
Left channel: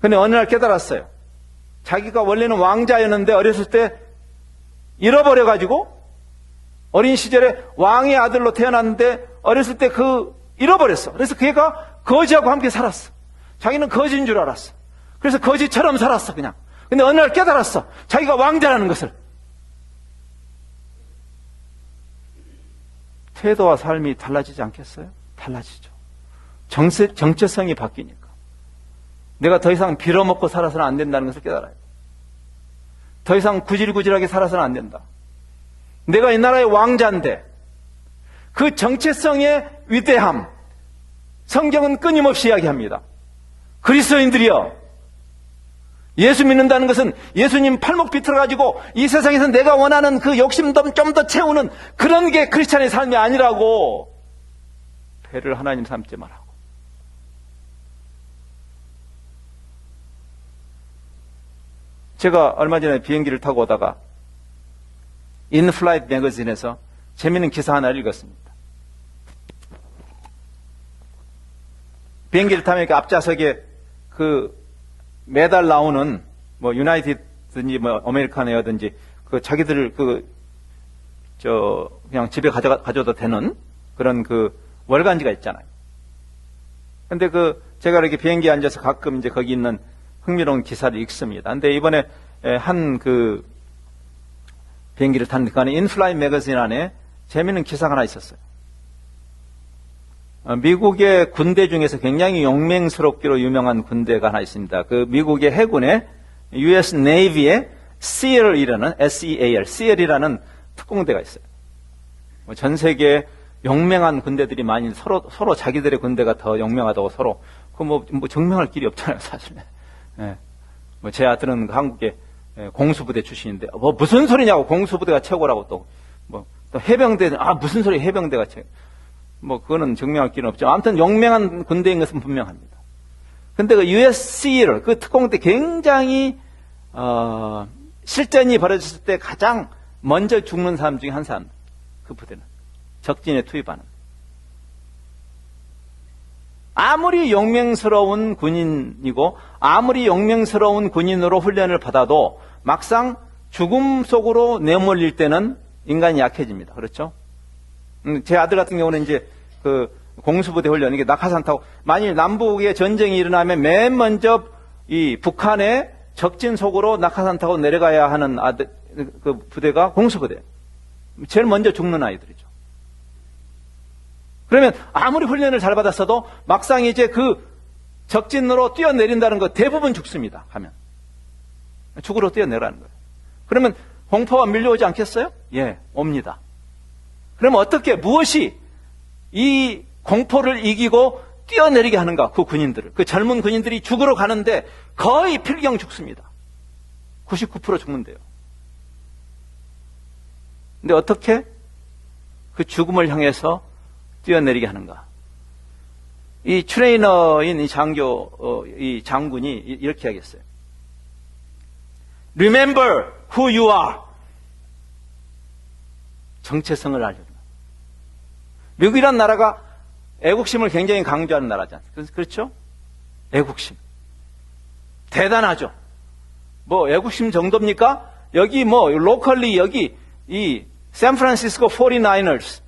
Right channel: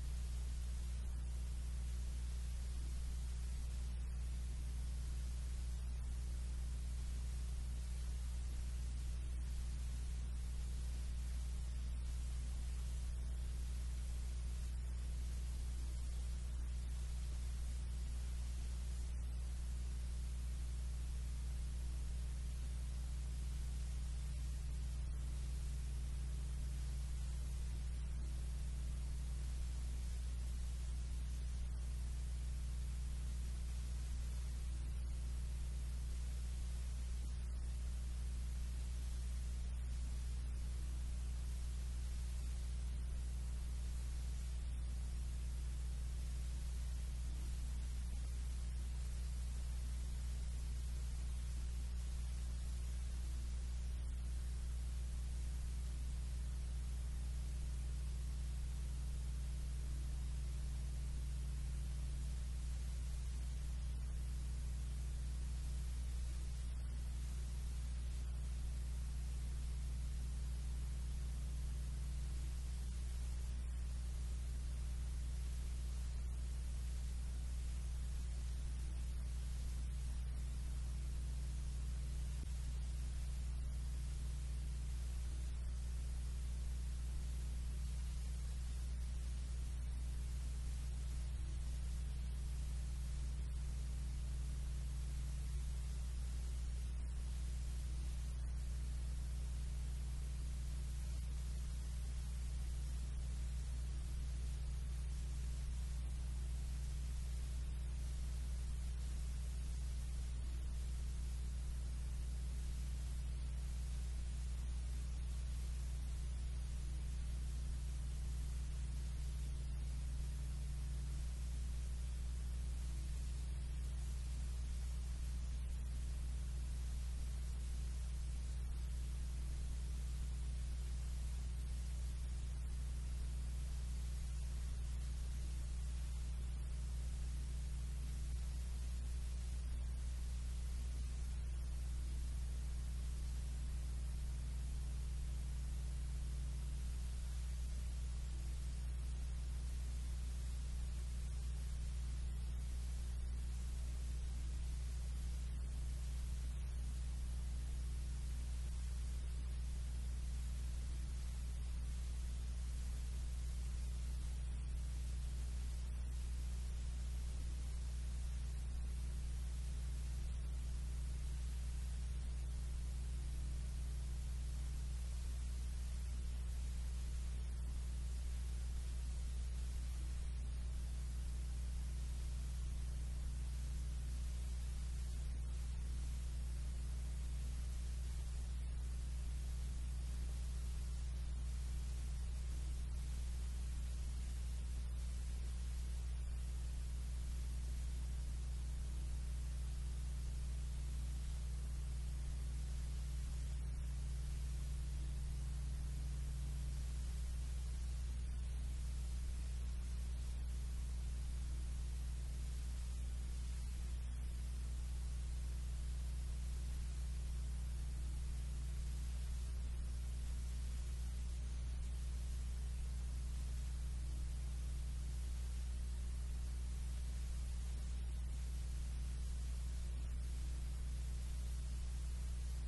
근데 어느 날 깨달았어요. 자기가 원래는 왕자였는데 어렸을 때 잃어버려가지고 어린 시절에 왕의 아들로 태어났는데 어렸을 때 잃어버렸어. 그래서 그 애가 거지하고 함께 살았어. 자기는 거지인 줄 알았어. 그래서 거지처럼 살았어 그냥. 근데 어느 날 깨달았어. 자기가 왕자라는 것을. 태도와 삶이 달라지지 않겠어요? 달라지죠. 정체성이 바뀌니까. 내가 더 이상 빌어먹고 살아서는 안 된다는 것을 깨달아요. 더 이상 구질구질하게 살아서는 안 된다. 내가 이 나라의 왕자인데 그 정체성의 위대함, 성경은 끊임없이 이야기합니다. 그리스도인들이여, 예수 믿는다는 것은 예수님 팔목 비틀어가지고 이 세상에서 내가 원하는 그 욕심도 좀 더 채우는 그런 게 크리스찬의 삶이 아니라고. 배를 하나님 삼지 말라고. 제가 얼마 전에 비행기를 타고 오다가 인플라이트 매거진에서 재미있는 기사 하나 읽었습니다. 비행기를 타면 이렇게 앞좌석에 매달 나오는 뭐 유나이티드든지 뭐 아메리카노여든지 자기들 그냥 집에 가져도 되는 그런 월간지가 있잖아요. 근데 제가 이렇게 비행기에 앉아서 가끔 이제 거기 있는 흥미로운 기사를 읽습니다. 근데 이번에 비행기를 탔는데 그 안에 인플라이트 매거진 안에 재미있는 기사가 하나 있었어요. 미국의 군대 중에서 굉장히 용맹스럽기로 유명한 군대가 하나 있습니다. 미국의 해군의 US Navy의 SEAL이라는 SEAL이라는 특공대가 있어요. 전 세계에 용맹한 군대들이 많이 서로 자기들의 군대가 더 용맹하다고 서로 뭐 증명할 길이 없잖아요, 사실. 예. 제 아들은 한국의 공수부대 출신인데 무슨 소리냐고, 공수부대가 최고라고 또 해병대 무슨 소리, 해병대가 최고. 그거는 증명할 길은 없죠. 아무튼 용맹한 군대인 것은 분명합니다. 근데 USC를 특공대 굉장히 실전이 벌어졌을 때 가장 먼저 죽는 사람 중에 한 사람, 그 부대는 적진에 투입하는. 아무리 용맹스러운 군인이고 아무리 용맹스러운 군인으로 훈련을 받아도 막상 죽음 속으로 내몰릴 때는 인간이 약해집니다. 그렇죠? 제 아들 같은 경우는 이제 공수부대 훈련, 이게 낙하산 타고 만일 남북의 전쟁이 일어나면 맨 먼저 이 북한의 적진 속으로 낙하산 타고 내려가야 하는 부대가 공수부대. 제일 먼저 죽는 아이들이죠. 그러면 아무리 훈련을 잘 받았어도 막상 이제 적진으로 뛰어내린다는 거 대부분 죽습니다. 가면. 죽으러 뛰어내라는 거예요. 그러면 공포가 밀려오지 않겠어요? 예, 옵니다. 그러면 무엇이 이 공포를 이기고 뛰어내리게 하는가? 그 군인들을. 젊은 군인들이 죽으러 가는데 거의 필경 죽습니다. 99% 죽는데요. 근데 어떻게 그 죽음을 향해서 뛰어내리게 하는가? 이 트레이너인 이 장군이 이렇게 하겠어요. Remember who you are. 정체성을 알려줍니다. 미국이란 나라가 애국심을 굉장히 강조하는 나라지 않습니까? 그렇죠? 애국심. 대단하죠? 애국심 정도입니까? 여기 로컬리 여기 이 샌프란시스코 49ers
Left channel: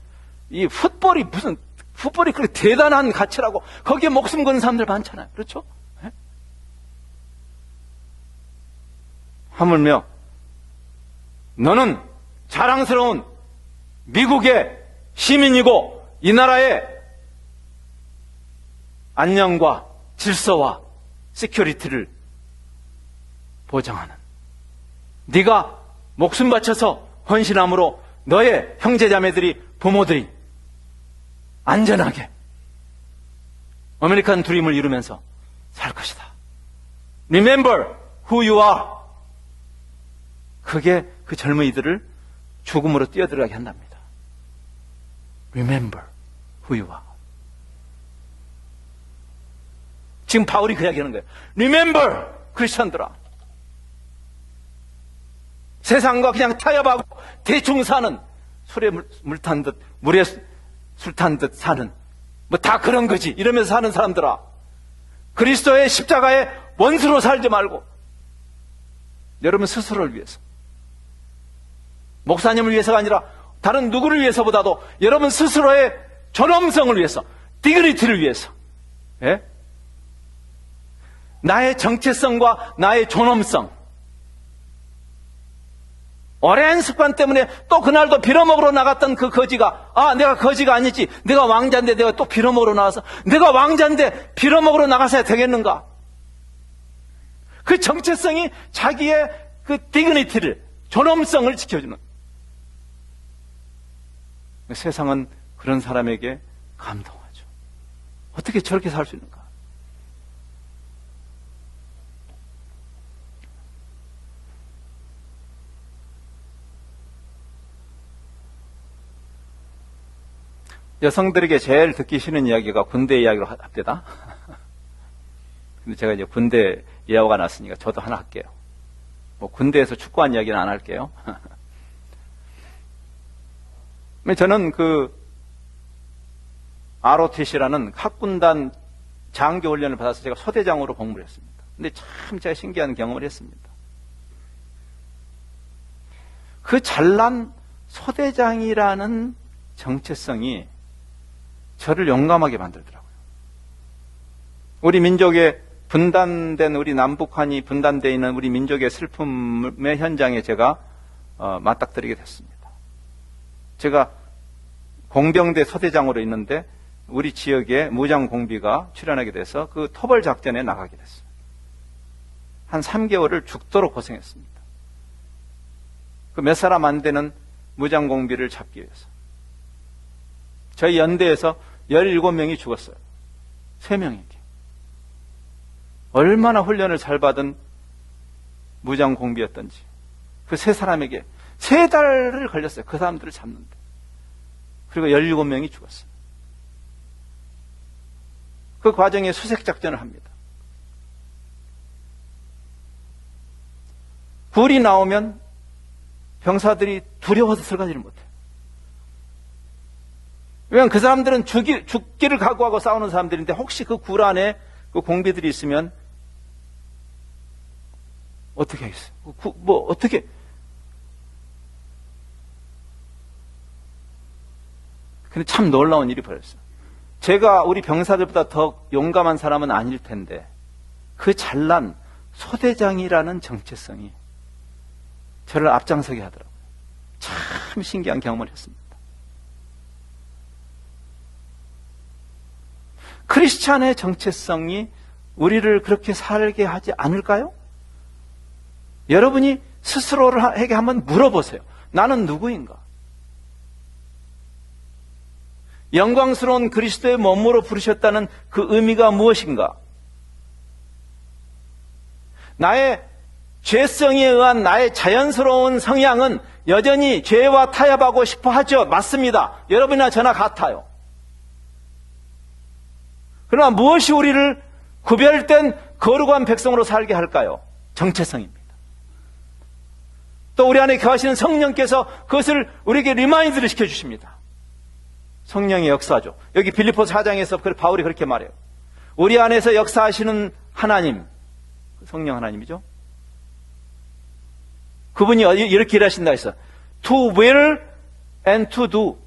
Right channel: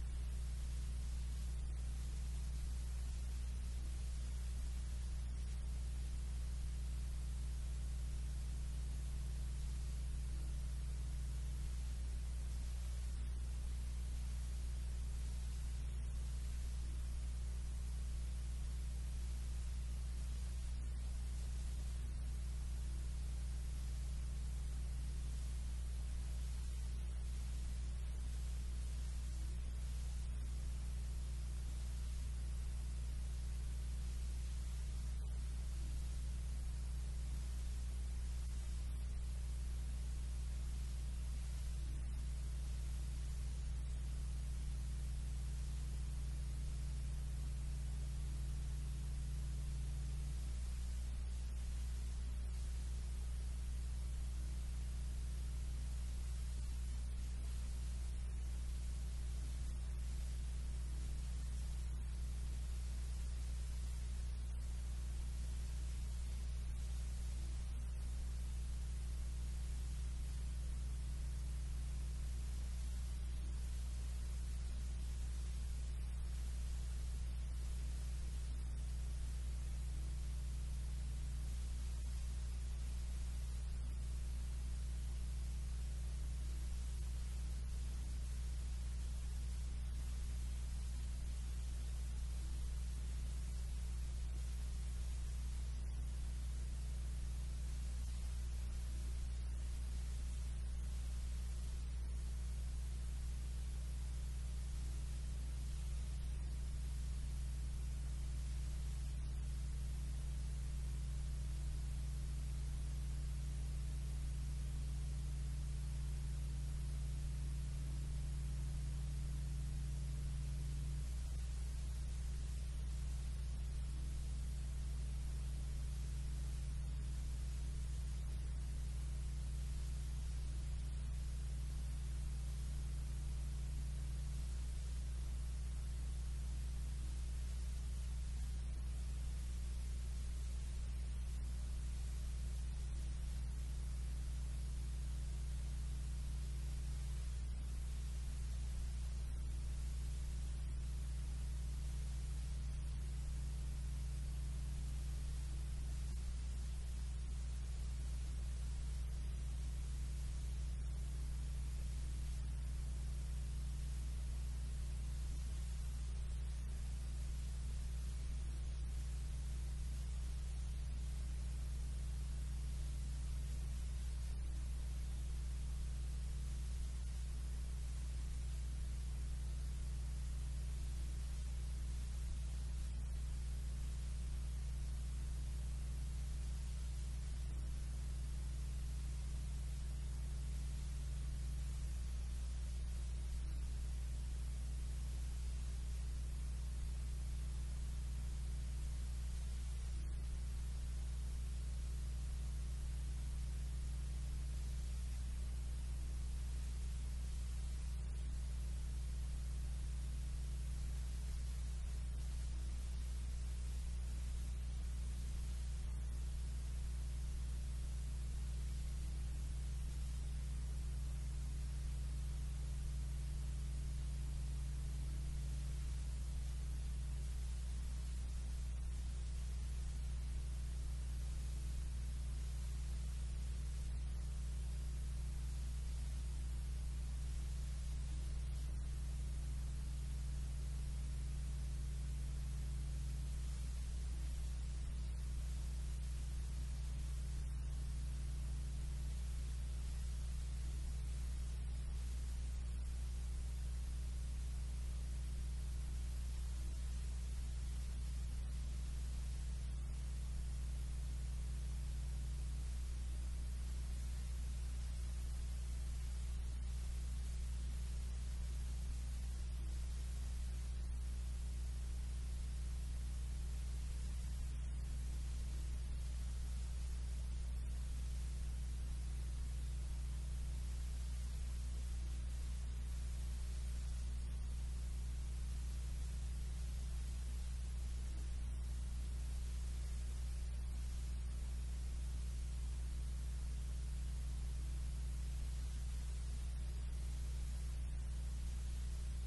이 풋볼이 무슨 풋볼이 그렇게 대단한 가치라고 거기에 목숨 거는 사람들 많잖아요. 그렇죠? 네? 하물며 너는 자랑스러운 미국의 시민이고 이 나라의 안녕과 질서와 시큐리티를 보장하는, 네가 목숨 바쳐서 헌신함으로 너의 형제자매들이, 부모들이 안전하게 아메리칸 드림을 이루면서 살 것이다. Remember who you are. 그게 그 젊은이들을 죽음으로 뛰어들어가게 한답니다. Remember who you are. 지금 바울이 그 이야기하는 거예요. Remember, 크리스천들아. 세상과 그냥 타협하고 대충 사는, 술에 물 탄 듯, 물에 술 탄 듯 사는, 뭐 다 그런 거지 이러면서 사는 사람들아, 그리스도의 십자가의 원수로 살지 말고 여러분 스스로를 위해서, 목사님을 위해서가 아니라 다른 누구를 위해서보다도 여러분 스스로의 존엄성을 위해서, 디그니티를 위해서, 예? 나의 정체성과 나의 존엄성, 오랜 습관 때문에 또 그날도 빌어먹으러 나갔던 그 거지가, 내가 거지가 아니지, 내가 왕자인데 내가 또 빌어먹으러 나와서, 내가 왕자인데 빌어먹으러 나가서야 되겠는가? 그 정체성이 자기의 그 디그니티를, 존엄성을 지켜주는, 세상은 그런 사람에게 감동하죠. 어떻게 저렇게 살 수 있는가? 여성들에게 제일 듣기 싫은 이야기가 군대 이야기로 합니다. 근데 제가 이제 군대 예화가 났으니까 저도 하나 할게요. 뭐 군대에서 축구한 이야기는 안 할게요. 저는 그 ROTC라는 학군단 장교 훈련을 받아서 제가 소대장으로 복무를 했습니다. 근데 참 제가 신기한 경험을 했습니다. 그 잘난 소대장이라는 정체성이 저를 용감하게 만들더라고요. 우리 민족의 분단된, 우리 남북한이 분단되어 있는 우리 민족의 슬픔의 현장에 제가 맞닥뜨리게 됐습니다. 제가 공병대 소대장으로 있는데 우리 지역에 무장공비가 출연하게 돼서 그 토벌 작전에 나가게 됐어요. 한 3개월을 죽도록 고생했습니다. 그 몇 사람 안 되는 무장공비를 잡기 위해서. 저희 연대에서 17명이 죽었어요. 3명이게. 얼마나 훈련을 잘 받은 무장공비였던지. 그 3사람에게 3달을 걸렸어요. 그 사람들을 잡는데. 그리고 17명이 죽었어요. 그 과정에 수색작전을 합니다. 불이 나오면 병사들이 두려워서 들어가지를 못해요. 왜냐하면 그 사람들은 죽기를 각오하고 싸우는 사람들인데 혹시 그 굴 안에 그 공비들이 있으면 어떻게 하겠어요? 어떻게. 근데 참 놀라운 일이 벌어졌어요. 제가 우리 병사들보다 더 용감한 사람은 아닐 텐데 그 잘난 소대장이라는 정체성이 저를 앞장서게 하더라고요. 참 신기한 경험을 했습니다. 크리스찬의 정체성이 우리를 그렇게 살게 하지 않을까요? 여러분이 스스로에게 한번 물어보세요. 나는 누구인가? 영광스러운 그리스도의 몸으로 부르셨다는 그 의미가 무엇인가? 나의 죄성에 의한 나의 자연스러운 성향은 여전히 죄와 타협하고 싶어 하죠. 맞습니다. 여러분이나 저나 같아요. 그러나 무엇이 우리를 구별된 거룩한 백성으로 살게 할까요? 정체성입니다. 또 우리 안에 거하시는 성령께서 그것을 우리에게 리마인드를 시켜주십니다. 성령의 역사죠. 여기 빌립보서 4장에서 바울이 그렇게 말해요. 우리 안에서 역사하시는 하나님, 성령 하나님이죠. 그분이 이렇게 일하신다 했어. To will and to do.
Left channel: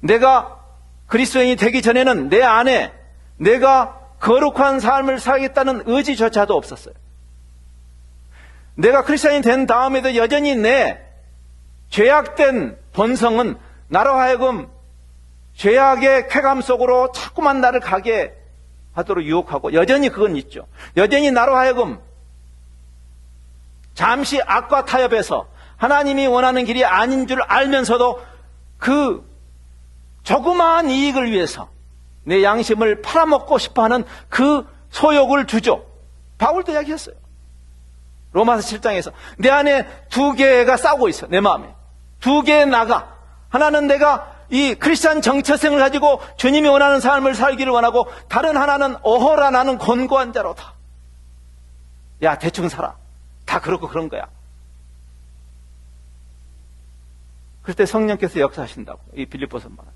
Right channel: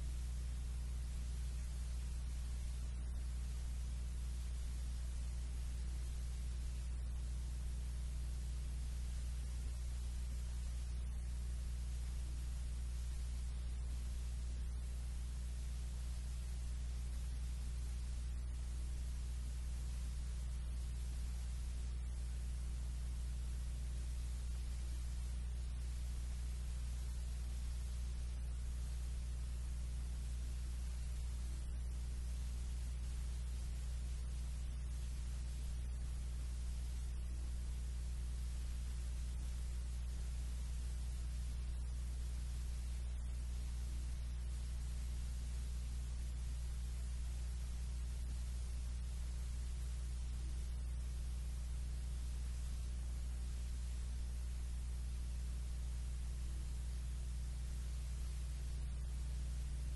내가 그리스도인이 되기 전에는 내 안에 내가 거룩한 삶을 살겠다는 의지조차도 없었어요. 내가 크리스천이 된 다음에도 여전히 내 죄악된 본성은 나로 하여금 죄악의 쾌감 속으로 자꾸만 나를 가게 하도록 유혹하고, 여전히 그건 있죠. 여전히 나로 하여금 잠시 악과 타협해서 하나님이 원하는 길이 아닌 줄 알면서도 그 조그마한 이익을 위해서 내 양심을 팔아먹고 싶어하는 그 소욕을 주죠. 바울도 이야기했어요. 로마서 7장에서 내 안에 두 개가 싸우고 있어. 내 마음에 두 개의 나가. 하나는 내가 이 크리스찬 정체성을 가지고 주님이 원하는 삶을 살기를 원하고, 다른 하나는 어허라 나는 곤고한 자로다. 야, 대충 살아. 다 그렇고 그런 거야. 그럴 때 성령께서 역사하신다고 이 빌립보서 말합니다.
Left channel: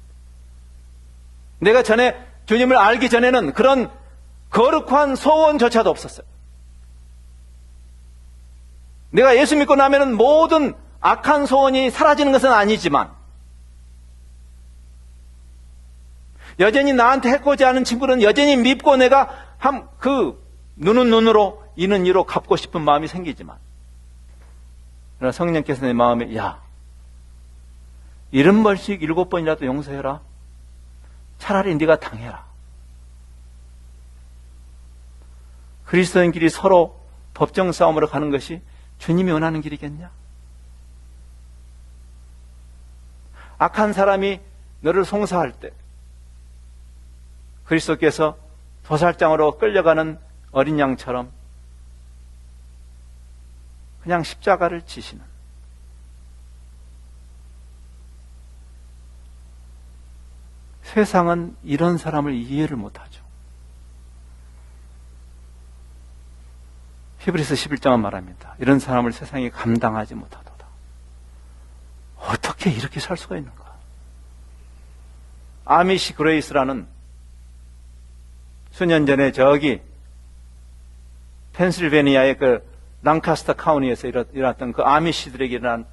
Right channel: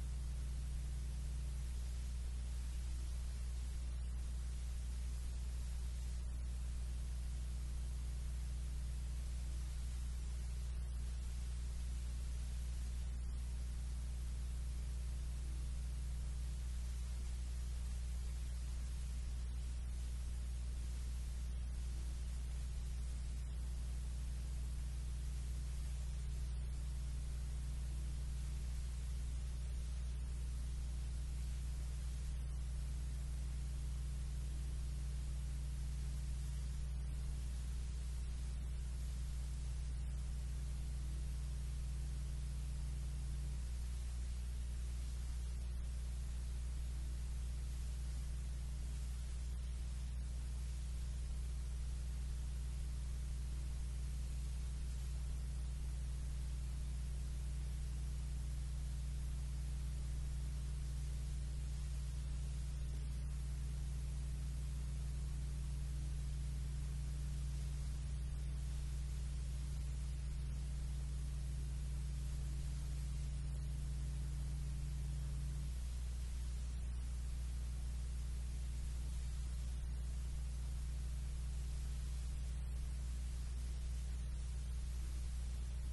내가 전에 주님을 알기 전에는 그런 거룩한 소원조차도 없었어요. 내가 예수 믿고 나면은 모든 악한 소원이 사라지는 것은 아니지만, 여전히 나한테 해코지 하는 친구는 여전히 밉고, 내가 눈은 눈으로 이는 이로 갚고 싶은 마음이 생기지만, 그러나 성령께서 내 마음에, 야, 70번씩 7번이라도 용서해라. 차라리 네가 당해라. 그리스도인끼리 서로 법정 싸움으로 가는 것이 주님이 원하는 길이겠냐? 악한 사람이 너를 송사할 때 그리스도께서 도살장으로 끌려가는 어린 양처럼 그냥 십자가를 지시는, 세상은 이런 사람을 이해를 못하죠. 히브리서 11장은 말합니다. 이런 사람을 세상이 감당하지 못하도다. 어떻게 이렇게 살 수가 있는가? 아미시 그레이스라는 수년 전에 저기 펜실베니아의 그 랑카스터 카운티에서 일어났던 그 아미시들에게 일어난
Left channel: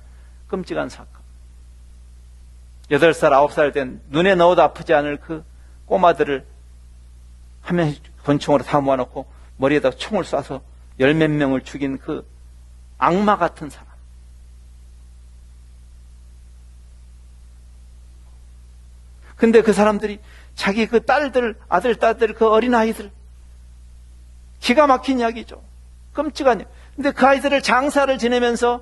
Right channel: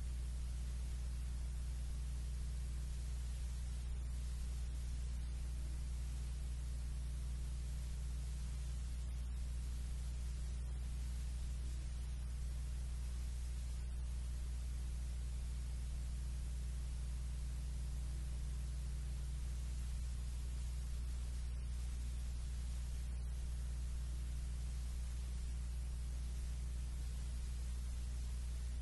끔찍한 사건. 8살, 9살 된 눈에 넣어도 아프지 않을 그 꼬마들을 한 명씩 권총으로 다 모아놓고 머리에다 총을 쏴서 10몇 명을 죽인 그 악마 같은 사람. 근데 그 사람들이 자기 그 딸들, 아들, 딸들, 그 어린아이들, 기가 막힌 이야기죠. 끔찍한 이야기. 근데 그 아이들을 장사를 지내면서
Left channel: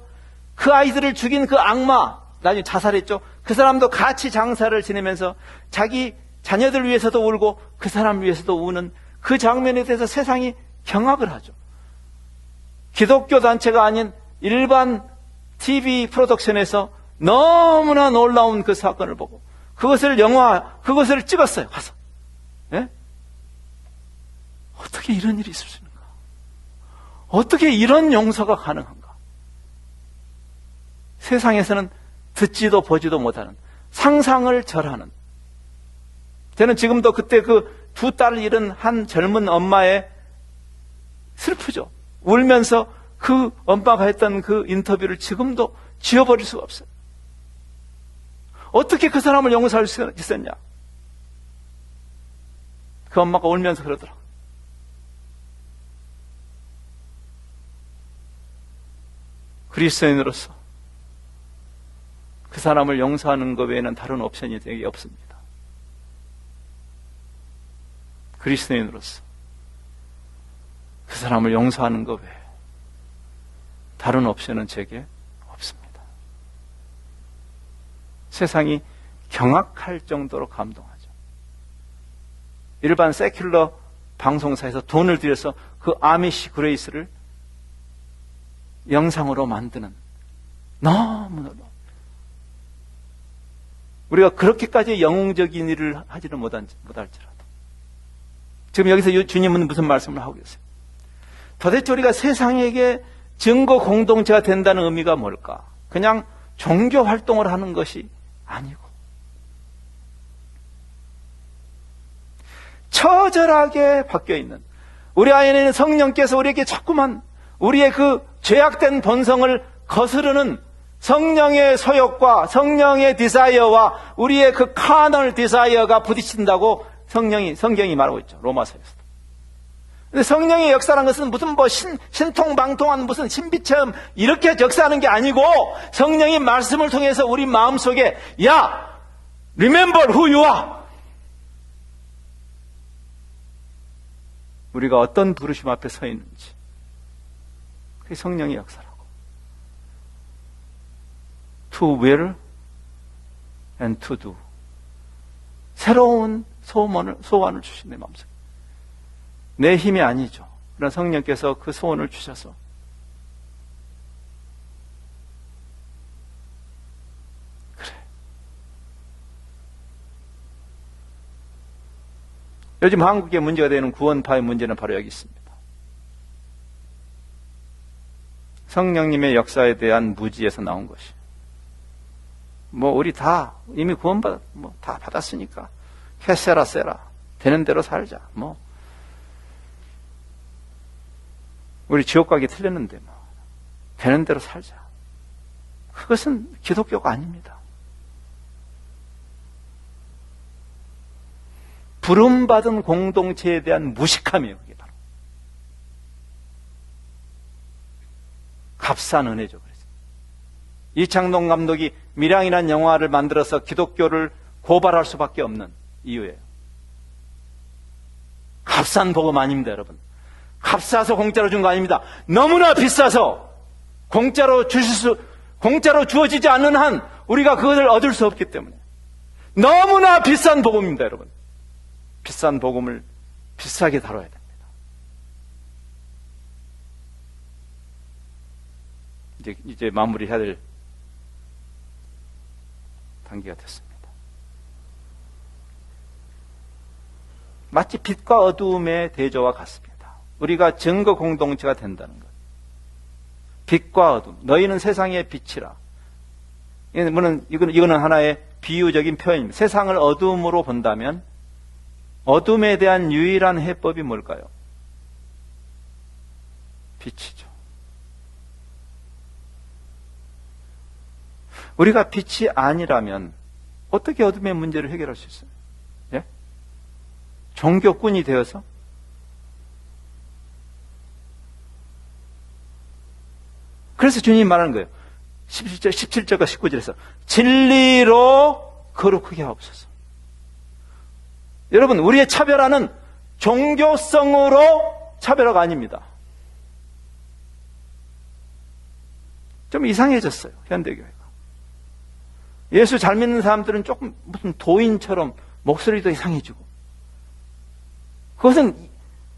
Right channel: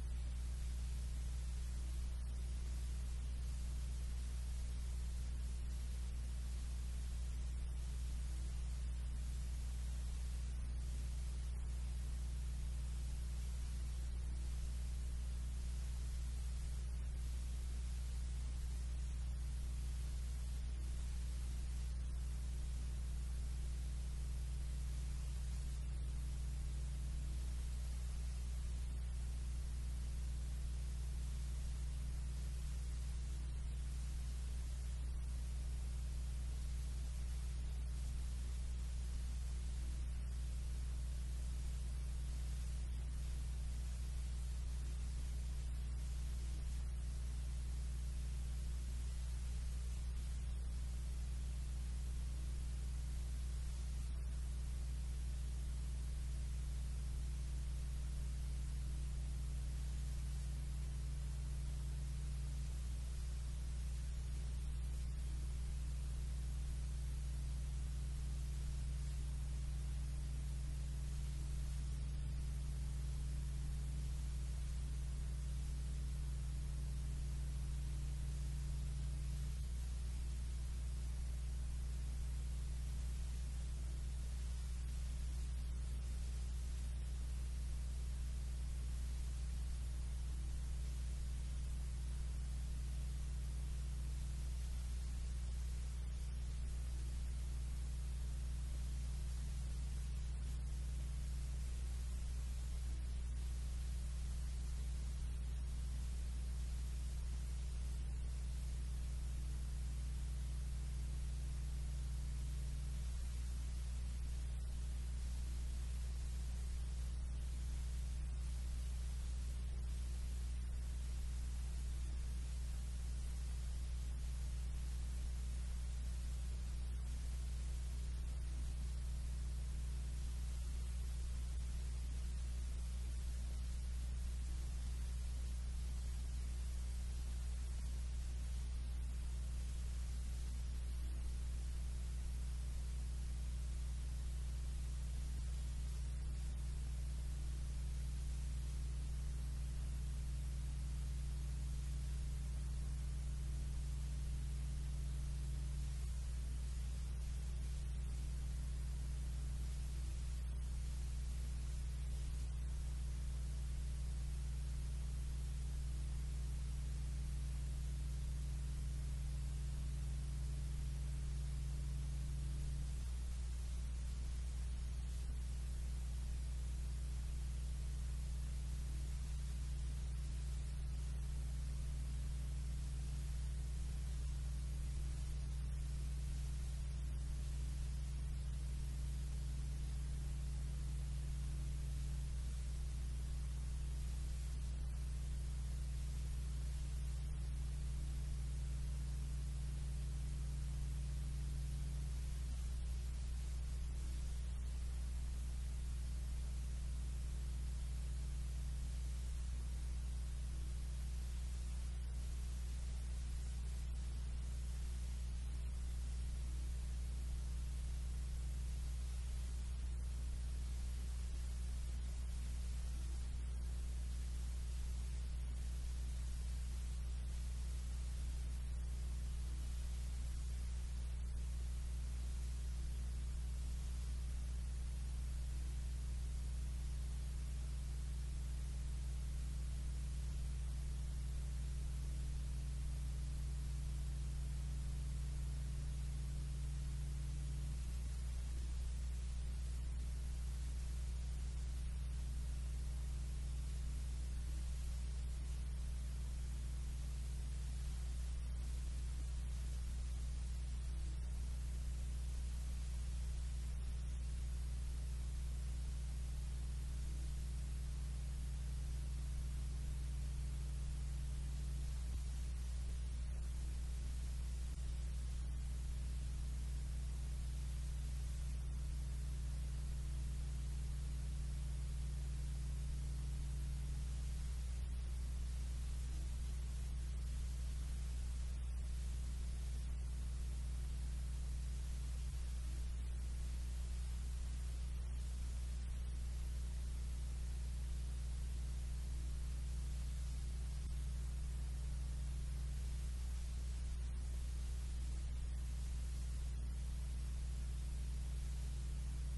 그 아이들을 죽인 그 악마, 나중에 자살했죠. 그 사람도 같이 장사를 지내면서 자기 자녀들 위해서도 울고 그 사람 위해서도 우는 그 장면에 대해서 세상이 경악을 하죠. 기독교 단체가 아닌 일반 TV 프로덕션에서 너무나 놀라운 그 사건을 보고 그것을 찍었어요. 와서. 예? 어떻게 이런 일이 있을 수 있는가? 어떻게 이런 용서가 가능한가? 세상에서는 듣지도 보지도 못하는, 상상을 절하는. 저는 지금도 그때 그 두 딸을 잃은 한 젊은 엄마의 슬프죠. 울면서 그 엄마가 했던 그 인터뷰를 지금도 지워버릴 수가 없어요. 어떻게 그 사람을 용서할 수 있었냐? 그 엄마가 울면서 그러더라고요. 그리스도인으로서 그 사람을 용서하는 것 외에는 다른 옵션이 되게 없습니다. 그리스도인으로서 그 사람을 용서하는 것 외에 다른 옵션은 제게 없습니다. 세상이 경악할 정도로 감동하죠. 일반 세큘러 방송사에서 돈을 들여서 그 아미시 그레이스를 영상으로 만드는, 너무너무 우리가 그렇게까지 영웅적인 일을 하지는 못할지라도 지금 여기서 주님은 무슨 말씀을 하고 계세요? 도대체 우리가 세상에게 증거 공동체가 된다는 의미가 뭘까? 그냥 종교 활동을 하는 것이 아니고 처절하게 바뀌어있는, 우리 안에는 성령께서 우리에게 자꾸만 우리의 그 죄악된 본성을 거스르는 성령의 소욕과 성령의 디자이어와 우리의 그 카널 디자이어가 부딪힌다고 성경이 말하고 있죠. 로마서에서. 근데 성령의 역사라는 것은 무슨 신통방통한 무슨 신비체험 이렇게 역사하는 게 아니고 성령이 말씀을 통해서 우리 마음속에 야! Remember who you are! 우리가 어떤 부르심 앞에 서 있는지 그게 성령의 역사라고. To will and to do. 새로운 소원을 주신 내 마음속에. 내 힘이 아니죠. 그러나 성령께서 그 소원을 주셔서 그래. 요즘 한국의 문제가 되는 구원파의 문제는 바로 여기 있습니다. 성령님의 역사에 대한 무지에서 나온 것이. 우리 다 이미 다 받았으니까 캐세라 세라 되는 대로 살자. 우리 지옥 가기 틀렸는데 되는 대로 살자. 그것은 기독교가 아닙니다. 부름받은 공동체에 대한 무식함이에요. 그게 바로. 값싼 은혜죠. 그래서. 이창동 감독이 밀양이라는 영화를 만들어서 기독교를 고발할 수밖에 없는 이유예요. 값싼 복음 아닙니다, 여러분. 값싸서 공짜로 준 거 아닙니다. 너무나 비싸서 공짜로 주어지지 않는 한 우리가 그것을 얻을 수 없기 때문에 너무나 비싼 복음입니다, 여러분. 비싼 복음을 비싸게 다뤄야 됩니다. 이제 마무리해야 될 단계가 됐습니다. 마치 빛과 어두움의 대조와 같습니다. 우리가 증거 공동체가 된다는 것. 빛과 어둠. 너희는 세상의 빛이라. 이거는 하나의 비유적인 표현입니다. 세상을 어둠으로 본다면 어둠에 대한 유일한 해법이 뭘까요? 빛이죠. 우리가 빛이 아니라면 어떻게 어둠의 문제를 해결할 수 있어요? 예? 종교꾼이 되어서? 그래서 주님이 말하는 거예요. 17절과 19절에서 진리로 거룩하게 하옵소서. 여러분, 우리의 차별화는 종교성으로 차별화가 아닙니다. 좀 이상해졌어요, 현대교회가. 예수 잘 믿는 사람들은 조금 무슨 도인처럼 목소리도 이상해지고. 그것은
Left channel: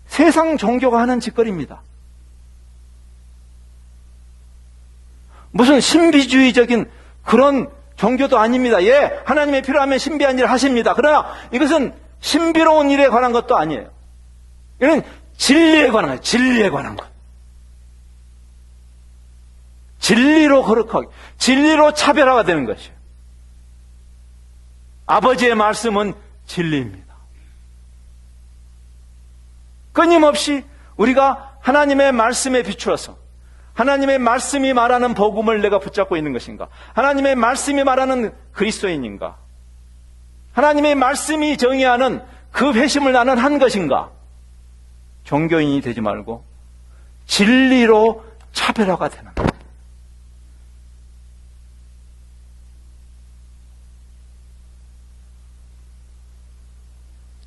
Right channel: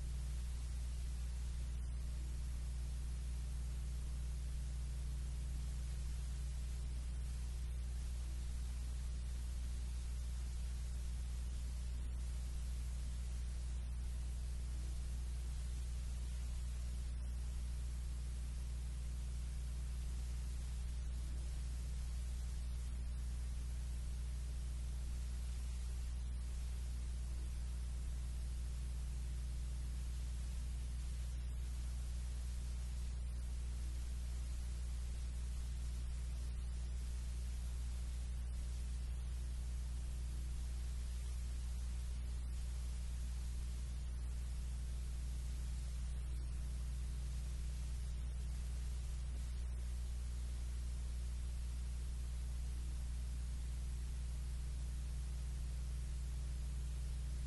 세상 종교가 하는 짓거리입니다. 무슨 신비주의적인 그런 종교도 아닙니다. 예, 하나님의 필요하면 신비한 일을 하십니다. 그러나 이것은 신비로운 일에 관한 것도 아니에요. 이건 진리에 관한 거예요. 진리에 관한 것. 진리로 거룩하게, 진리로 차별화가 되는 것이에요. 아버지의 말씀은 진리입니다. 끊임없이 우리가 하나님의 말씀에 비추어서 하나님의 말씀이 말하는 복음을 내가 붙잡고 있는 것인가? 하나님의 말씀이 말하는 그리스도인인가? 하나님의 말씀이 정의하는 그 회심을 나는 한 것인가? 종교인이 되지 말고 진리로 차별화가 되는 거예요.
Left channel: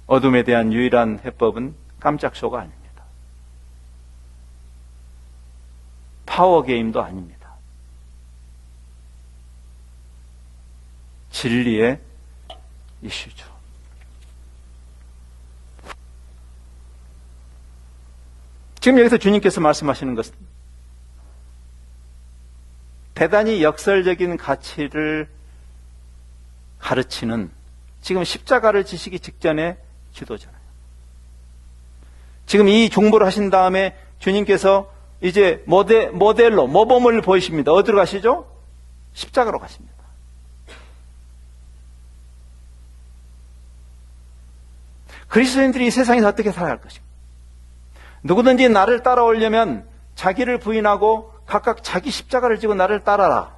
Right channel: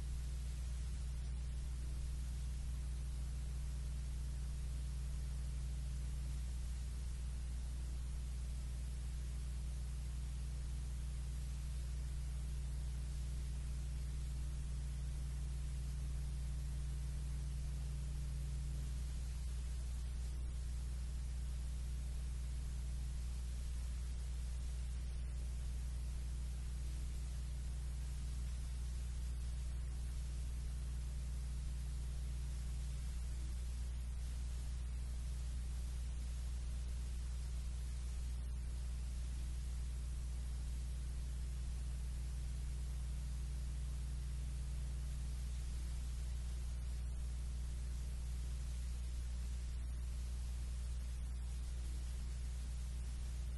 어둠에 대한 유일한 해법은 깜짝쇼가 아닙니다. 파워게임도 아닙니다. 진리의 이슈죠. 지금 여기서 주님께서 말씀하시는 것은 대단히 역설적인 가치를 가르치는 지금 십자가를 지시기 직전의 기도잖아요. 지금 이 중보를 하신 다음에 주님께서 이제 모델로 모범을 보이십니다. 어디로 가시죠? 십자가로 가십니다. 그리스도인들이 이 세상에서 어떻게 살아야 할 것인가? 누구든지 나를 따라오려면 자기를 부인하고 각각 자기 십자가를 지고 나를 따라라.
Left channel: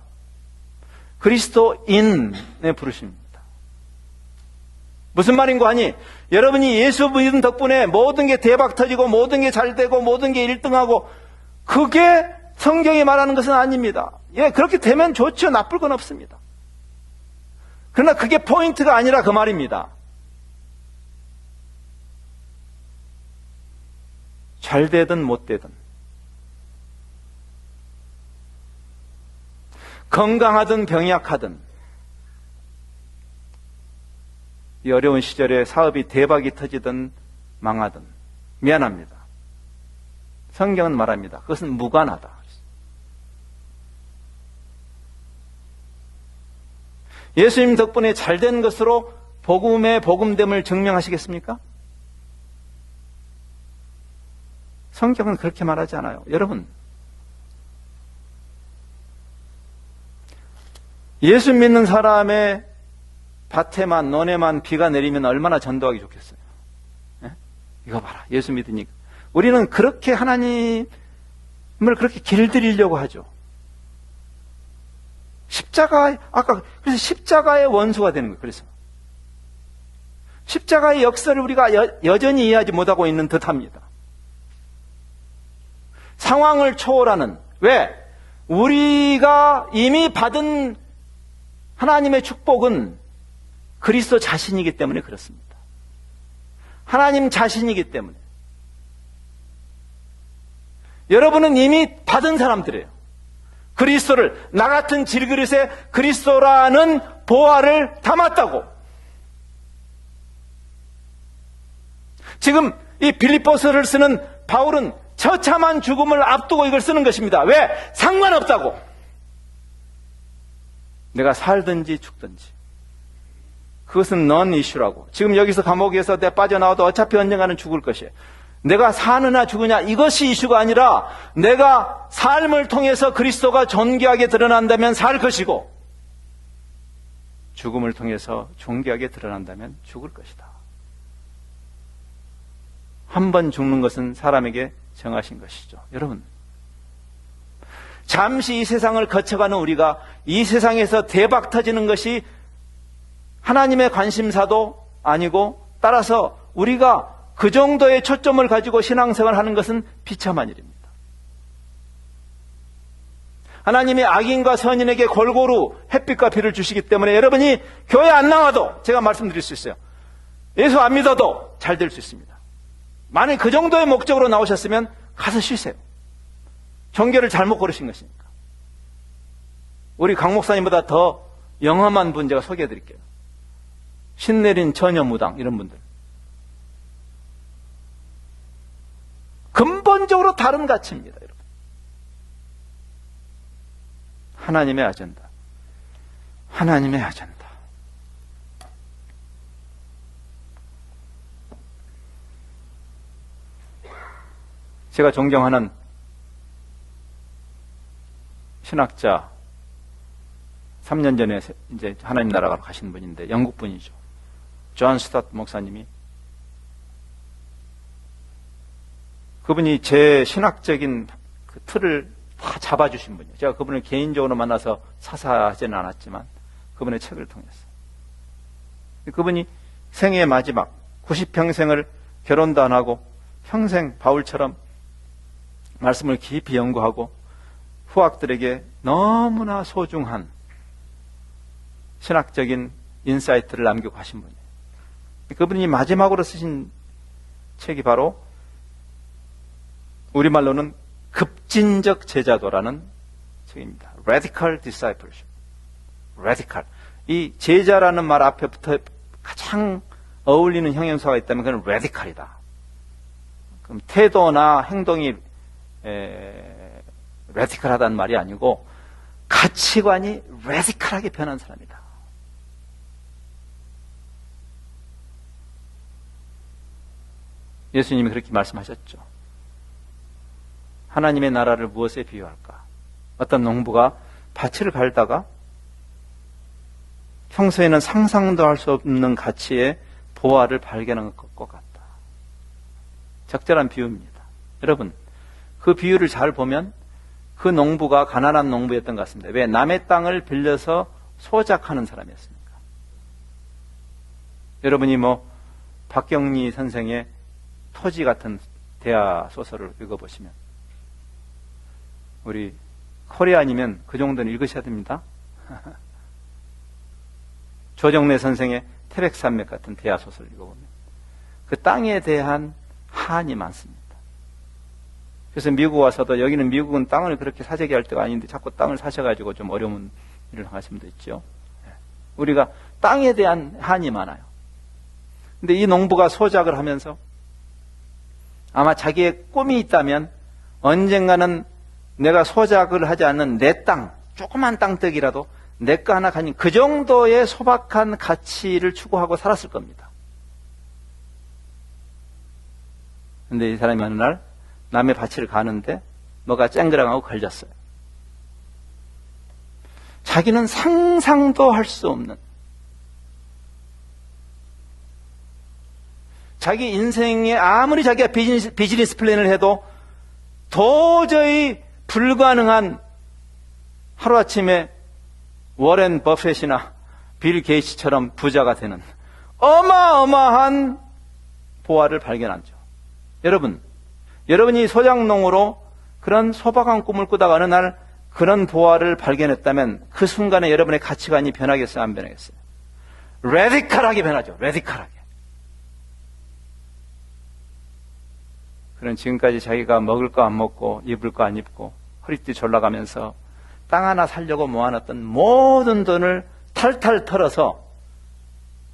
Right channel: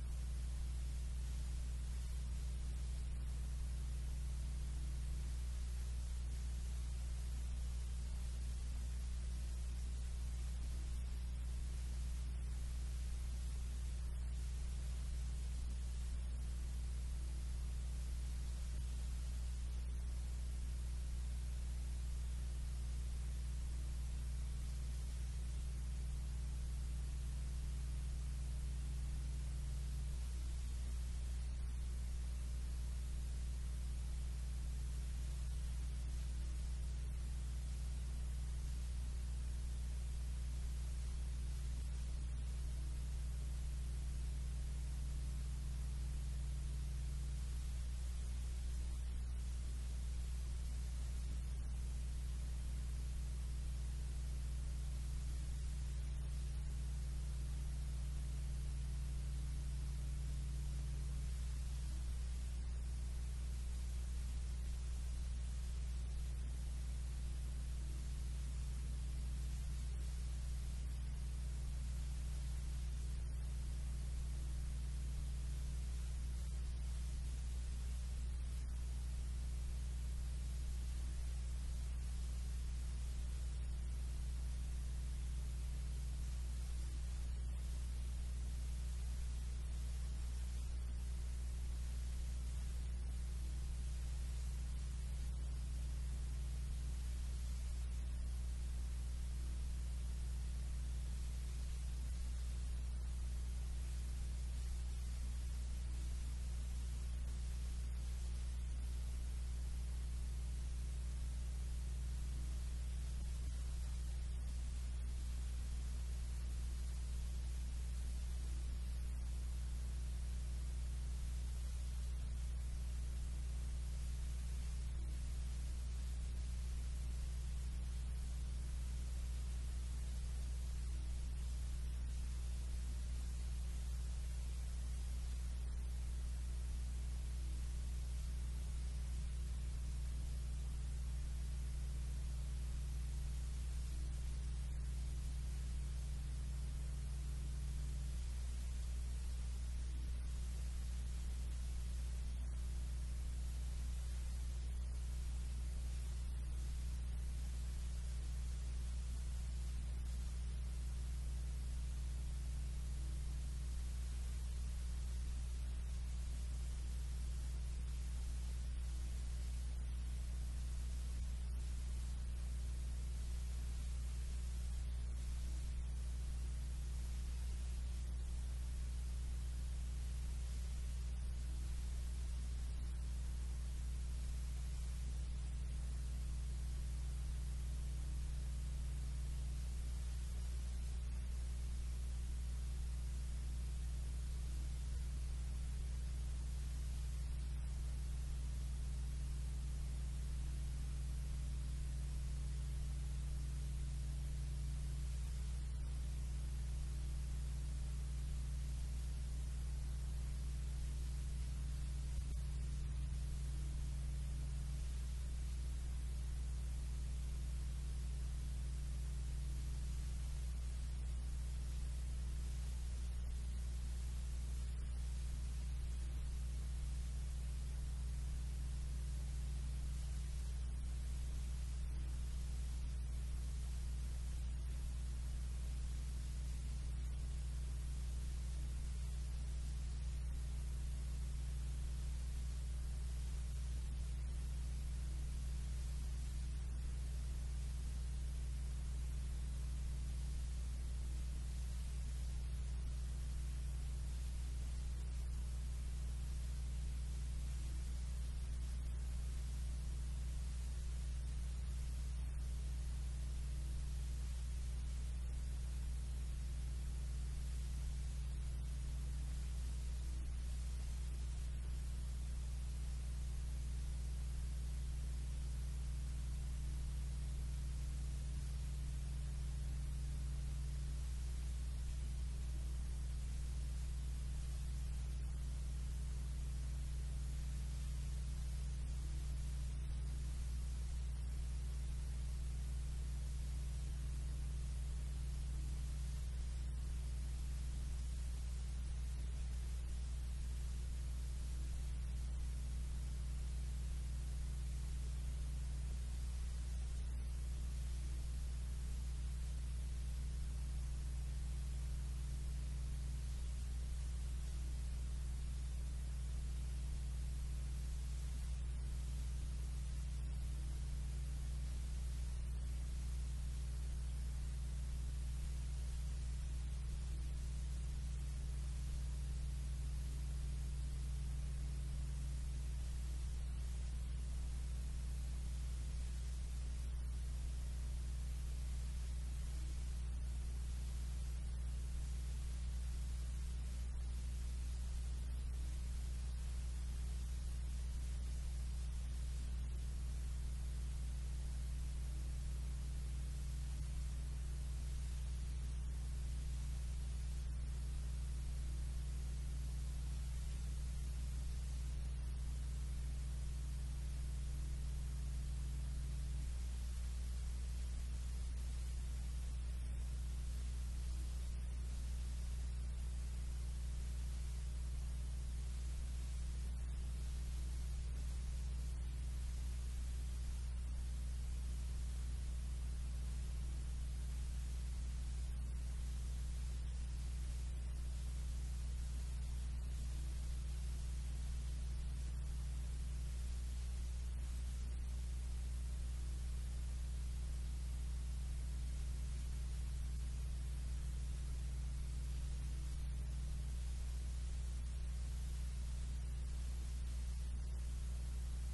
그리스도인의 부르심입니다. 무슨 말인고 하니 여러분이 예수 믿음 덕분에 모든 게 대박 터지고 모든 게 잘 되고 모든 게 1등하고 그게 성경이 말하는 것은 아닙니다. 예, 그렇게 되면 좋죠. 나쁠 건 없습니다. 그러나 그게 포인트가 아니라 그 말입니다. 잘 되든 못 되든 건강하든 병약하든 이 어려운 시절에 사업이 대박이 터지든 망하든 미안합니다. 성경은 말합니다. 그것은 무관하다. 예수님 덕분에 잘된 것으로 복음의 복음됨을 증명하시겠습니까? 성경은 그렇게 말하지 않아요. 여러분, 예수 믿는 사람의 밭에만 논에만 비가 내리면 얼마나 전도하기 좋겠어요. 네? 이거 봐라. 예수 믿으니까. 우리는 그렇게 하나님을 그렇게 길들이려고 하죠. 그래서 십자가의 원수가 되는 거예요. 그래서 십자가의 역사를 우리가 여전히 이해하지 못하고 있는 듯합니다. 상황을 초월하는, 왜? 우리가 이미 받은 하나님의 축복은 그리스도 자신이기 때문에 그렇습니다. 하나님 자신이기 때문에. 여러분은 이미 받은 사람들이에요. 그리스도를, 나 같은 질그릇에 그리스도라는 보화를 담았다고. 지금 이 빌립보서를 쓰는 바울은 처참한 죽음을 앞두고 이걸 쓰는 것입니다. 왜? 상관없다고. 내가 살든지 죽든지. 그것은 넌 이슈라고. 지금 여기서 감옥에서 내가 빠져나와도 어차피 언젠가는 죽을 것이에요. 내가 사느냐 죽으냐 이것이 이슈가 아니라 내가 삶을 통해서 그리스도가 존귀하게 드러난다면 살 것이고 죽음을 통해서 존귀하게 드러난다면 죽을 것이다. 한 번 죽는 것은 사람에게 정하신 것이죠. 여러분, 잠시 이 세상을 거쳐가는 우리가 이 세상에서 대박 터지는 것이 하나님의 관심사도 아니고 따라서 우리가 그 정도의 초점을 가지고 신앙생활을 하는 것은 비참한 일입니다. 하나님이 악인과 선인에게 골고루 햇빛과 비를 주시기 때문에 여러분이 교회 안 나와도 제가 말씀드릴 수 있어요. 예수 안 믿어도 잘 될 수 있습니다. 만약 그 정도의 목적으로 나오셨으면 가서 쉬세요. 종교를 잘못 고르신 것이니까. 우리 강 목사님보다 더 영험한 분 제가 소개해 드릴게요. 신내린 처녀무당 이런 분들. 근본적으로 다른 가치입니다. 여러분. 하나님의 아젠다. 하나님의 아젠다. 제가 존경하는 신학자 3년 전에 이제 하나님 나라가 가신 분인데 영국 분이죠. 존 스타트 목사님이 그분이 제 신학적인 그 틀을 다 잡아주신 분이에요. 제가 그분을 개인적으로 만나서 사사하지는 않았지만 그분의 책을 통해서 그분이 생애의 마지막 90평생을 결혼도 안 하고 평생 바울처럼 말씀을 깊이 연구하고 후학들에게 너무나 소중한 신학적인 인사이트를 남기고 가신 분이에요. 그분이 마지막으로 쓰신 책이 바로 우리말로는 급진적 제자도라는 책입니다. Radical Discipleship. Radical. 이 제자라는 말 앞에 붙어 가장 어울리는 형용사가 있다면 그건 radical이다. 그럼 태도나 행동이 radical하다는 말이 아니고 가치관이 radical하게 변한 사람이다. 예수님이 그렇게 말씀하셨죠. 하나님의 나라를 무엇에 비유할까? 어떤 농부가 밭을 갈다가 평소에는 상상도 할 수 없는 가치의 보화를 발견한 것 같다. 적절한 비유입니다. 여러분, 그 비유를 잘 보면 그 농부가 가난한 농부였던 것 같습니다. 왜? 남의 땅을 빌려서 소작하는 사람이었습니까? 여러분이 박경리 선생의 토지 같은 대하 소설을 읽어보시면, 우리 코리안이면 그 정도는 읽으셔야 됩니다. 조정래 선생의 태백산맥 같은 대하 소설을 읽어보면 그 땅에 대한 한이 많습니다. 그래서 미국 와서도, 여기는 미국은 땅을 그렇게 사재기 할 때가 아닌데 자꾸 땅을 사셔가지고 좀 어려운 일을 하시는 분도 있죠. 우리가 땅에 대한 한이 많아요. 근데 이 농부가 소작을 하면서 아마 자기의 꿈이 있다면 언젠가는 내가 소작을 하지 않는 내 땅, 조그만 땅떡이라도 내 거 하나 가진 그 정도의 소박한 가치를 추구하고 살았을 겁니다. 근데 이 사람이 어느 날 남의 밭을 가는데 뭐가 쨍그랑하고 걸렸어요. 자기는 상상도 할 수 없는, 자기 인생에 아무리 자기가 비즈니스 플랜을 해도 도저히 불가능한, 하루아침에 워렌 버핏이나 빌 게이츠처럼 부자가 되는 어마어마한 보화를 발견하죠. 여러분이 소작농으로 그런 소박한 꿈을 꾸다가 어느 날 그런 보화를 발견했다면 그 순간에 여러분의 가치관이 변하겠어요, 안 변하겠어요? 레디컬하게 변하죠. 레디컬하게. 그런 지금까지 자기가 먹을 거 안 먹고 입을 거 안 입고 허리띠 졸라가면서 땅 하나 살려고 모아놨던 모든 돈을 탈탈 털어서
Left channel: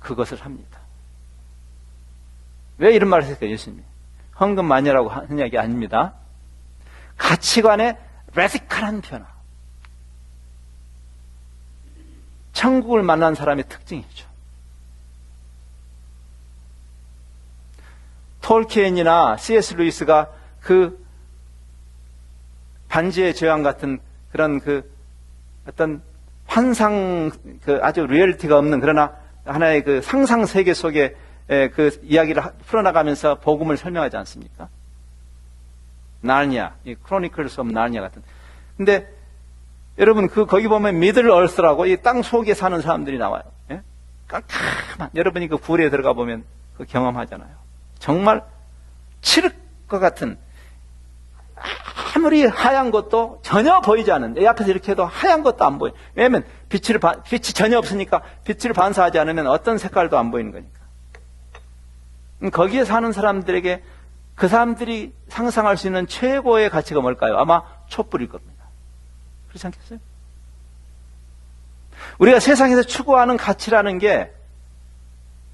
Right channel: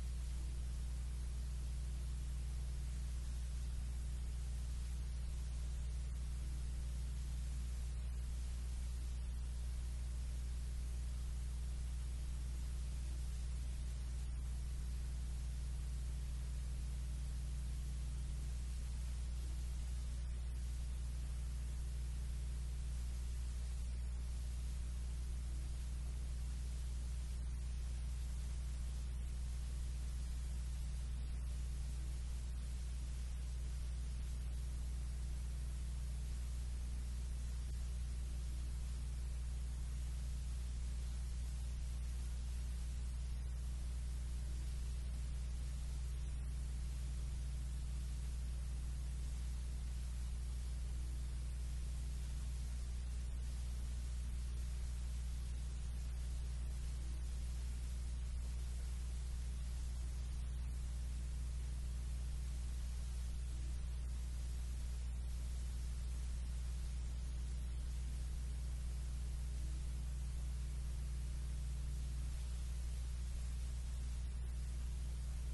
그것을 합니다. 왜 이런 말을 했을까요, 예수님이? 헌금 마녀라고 하는 얘기 아닙니다. 가치관의 레디컬한 변화. 천국을 만난 사람의 특징이죠. 톨키엔이나 C.S. 루이스가 그 반지의 제왕 같은 그런 어떤 환상, 아주 리얼리티가 없는, 그러나 하나의 그 상상 세계 속에 그 이야기를 풀어나가면서 복음을 설명하지 않습니까? 나르니아, 이 크로니클스 오브 나르니아 같은. 근데 여러분 거기 보면 미들 얼스라고 이 땅 속에 사는 사람들이 나와요. 예? 깜깜한, 여러분이 그 굴에 들어가 보면 그 경험하잖아요. 정말 칠흑 것 같은, 아무리 하얀 것도 전혀 보이지 않는, 내 앞에서 이렇게 해도 하얀 것도 안 보여요. 왜냐하면 빛이 전혀 없으니까 빛을 반사하지 않으면 어떤 색깔도 안 보이는 거니까. 거기에 사는 사람들에게 그 사람들이 상상할 수 있는 최고의 가치가 뭘까요? 아마 촛불일 겁니다. 그렇지 않겠어요? 우리가 세상에서 추구하는 가치라는 게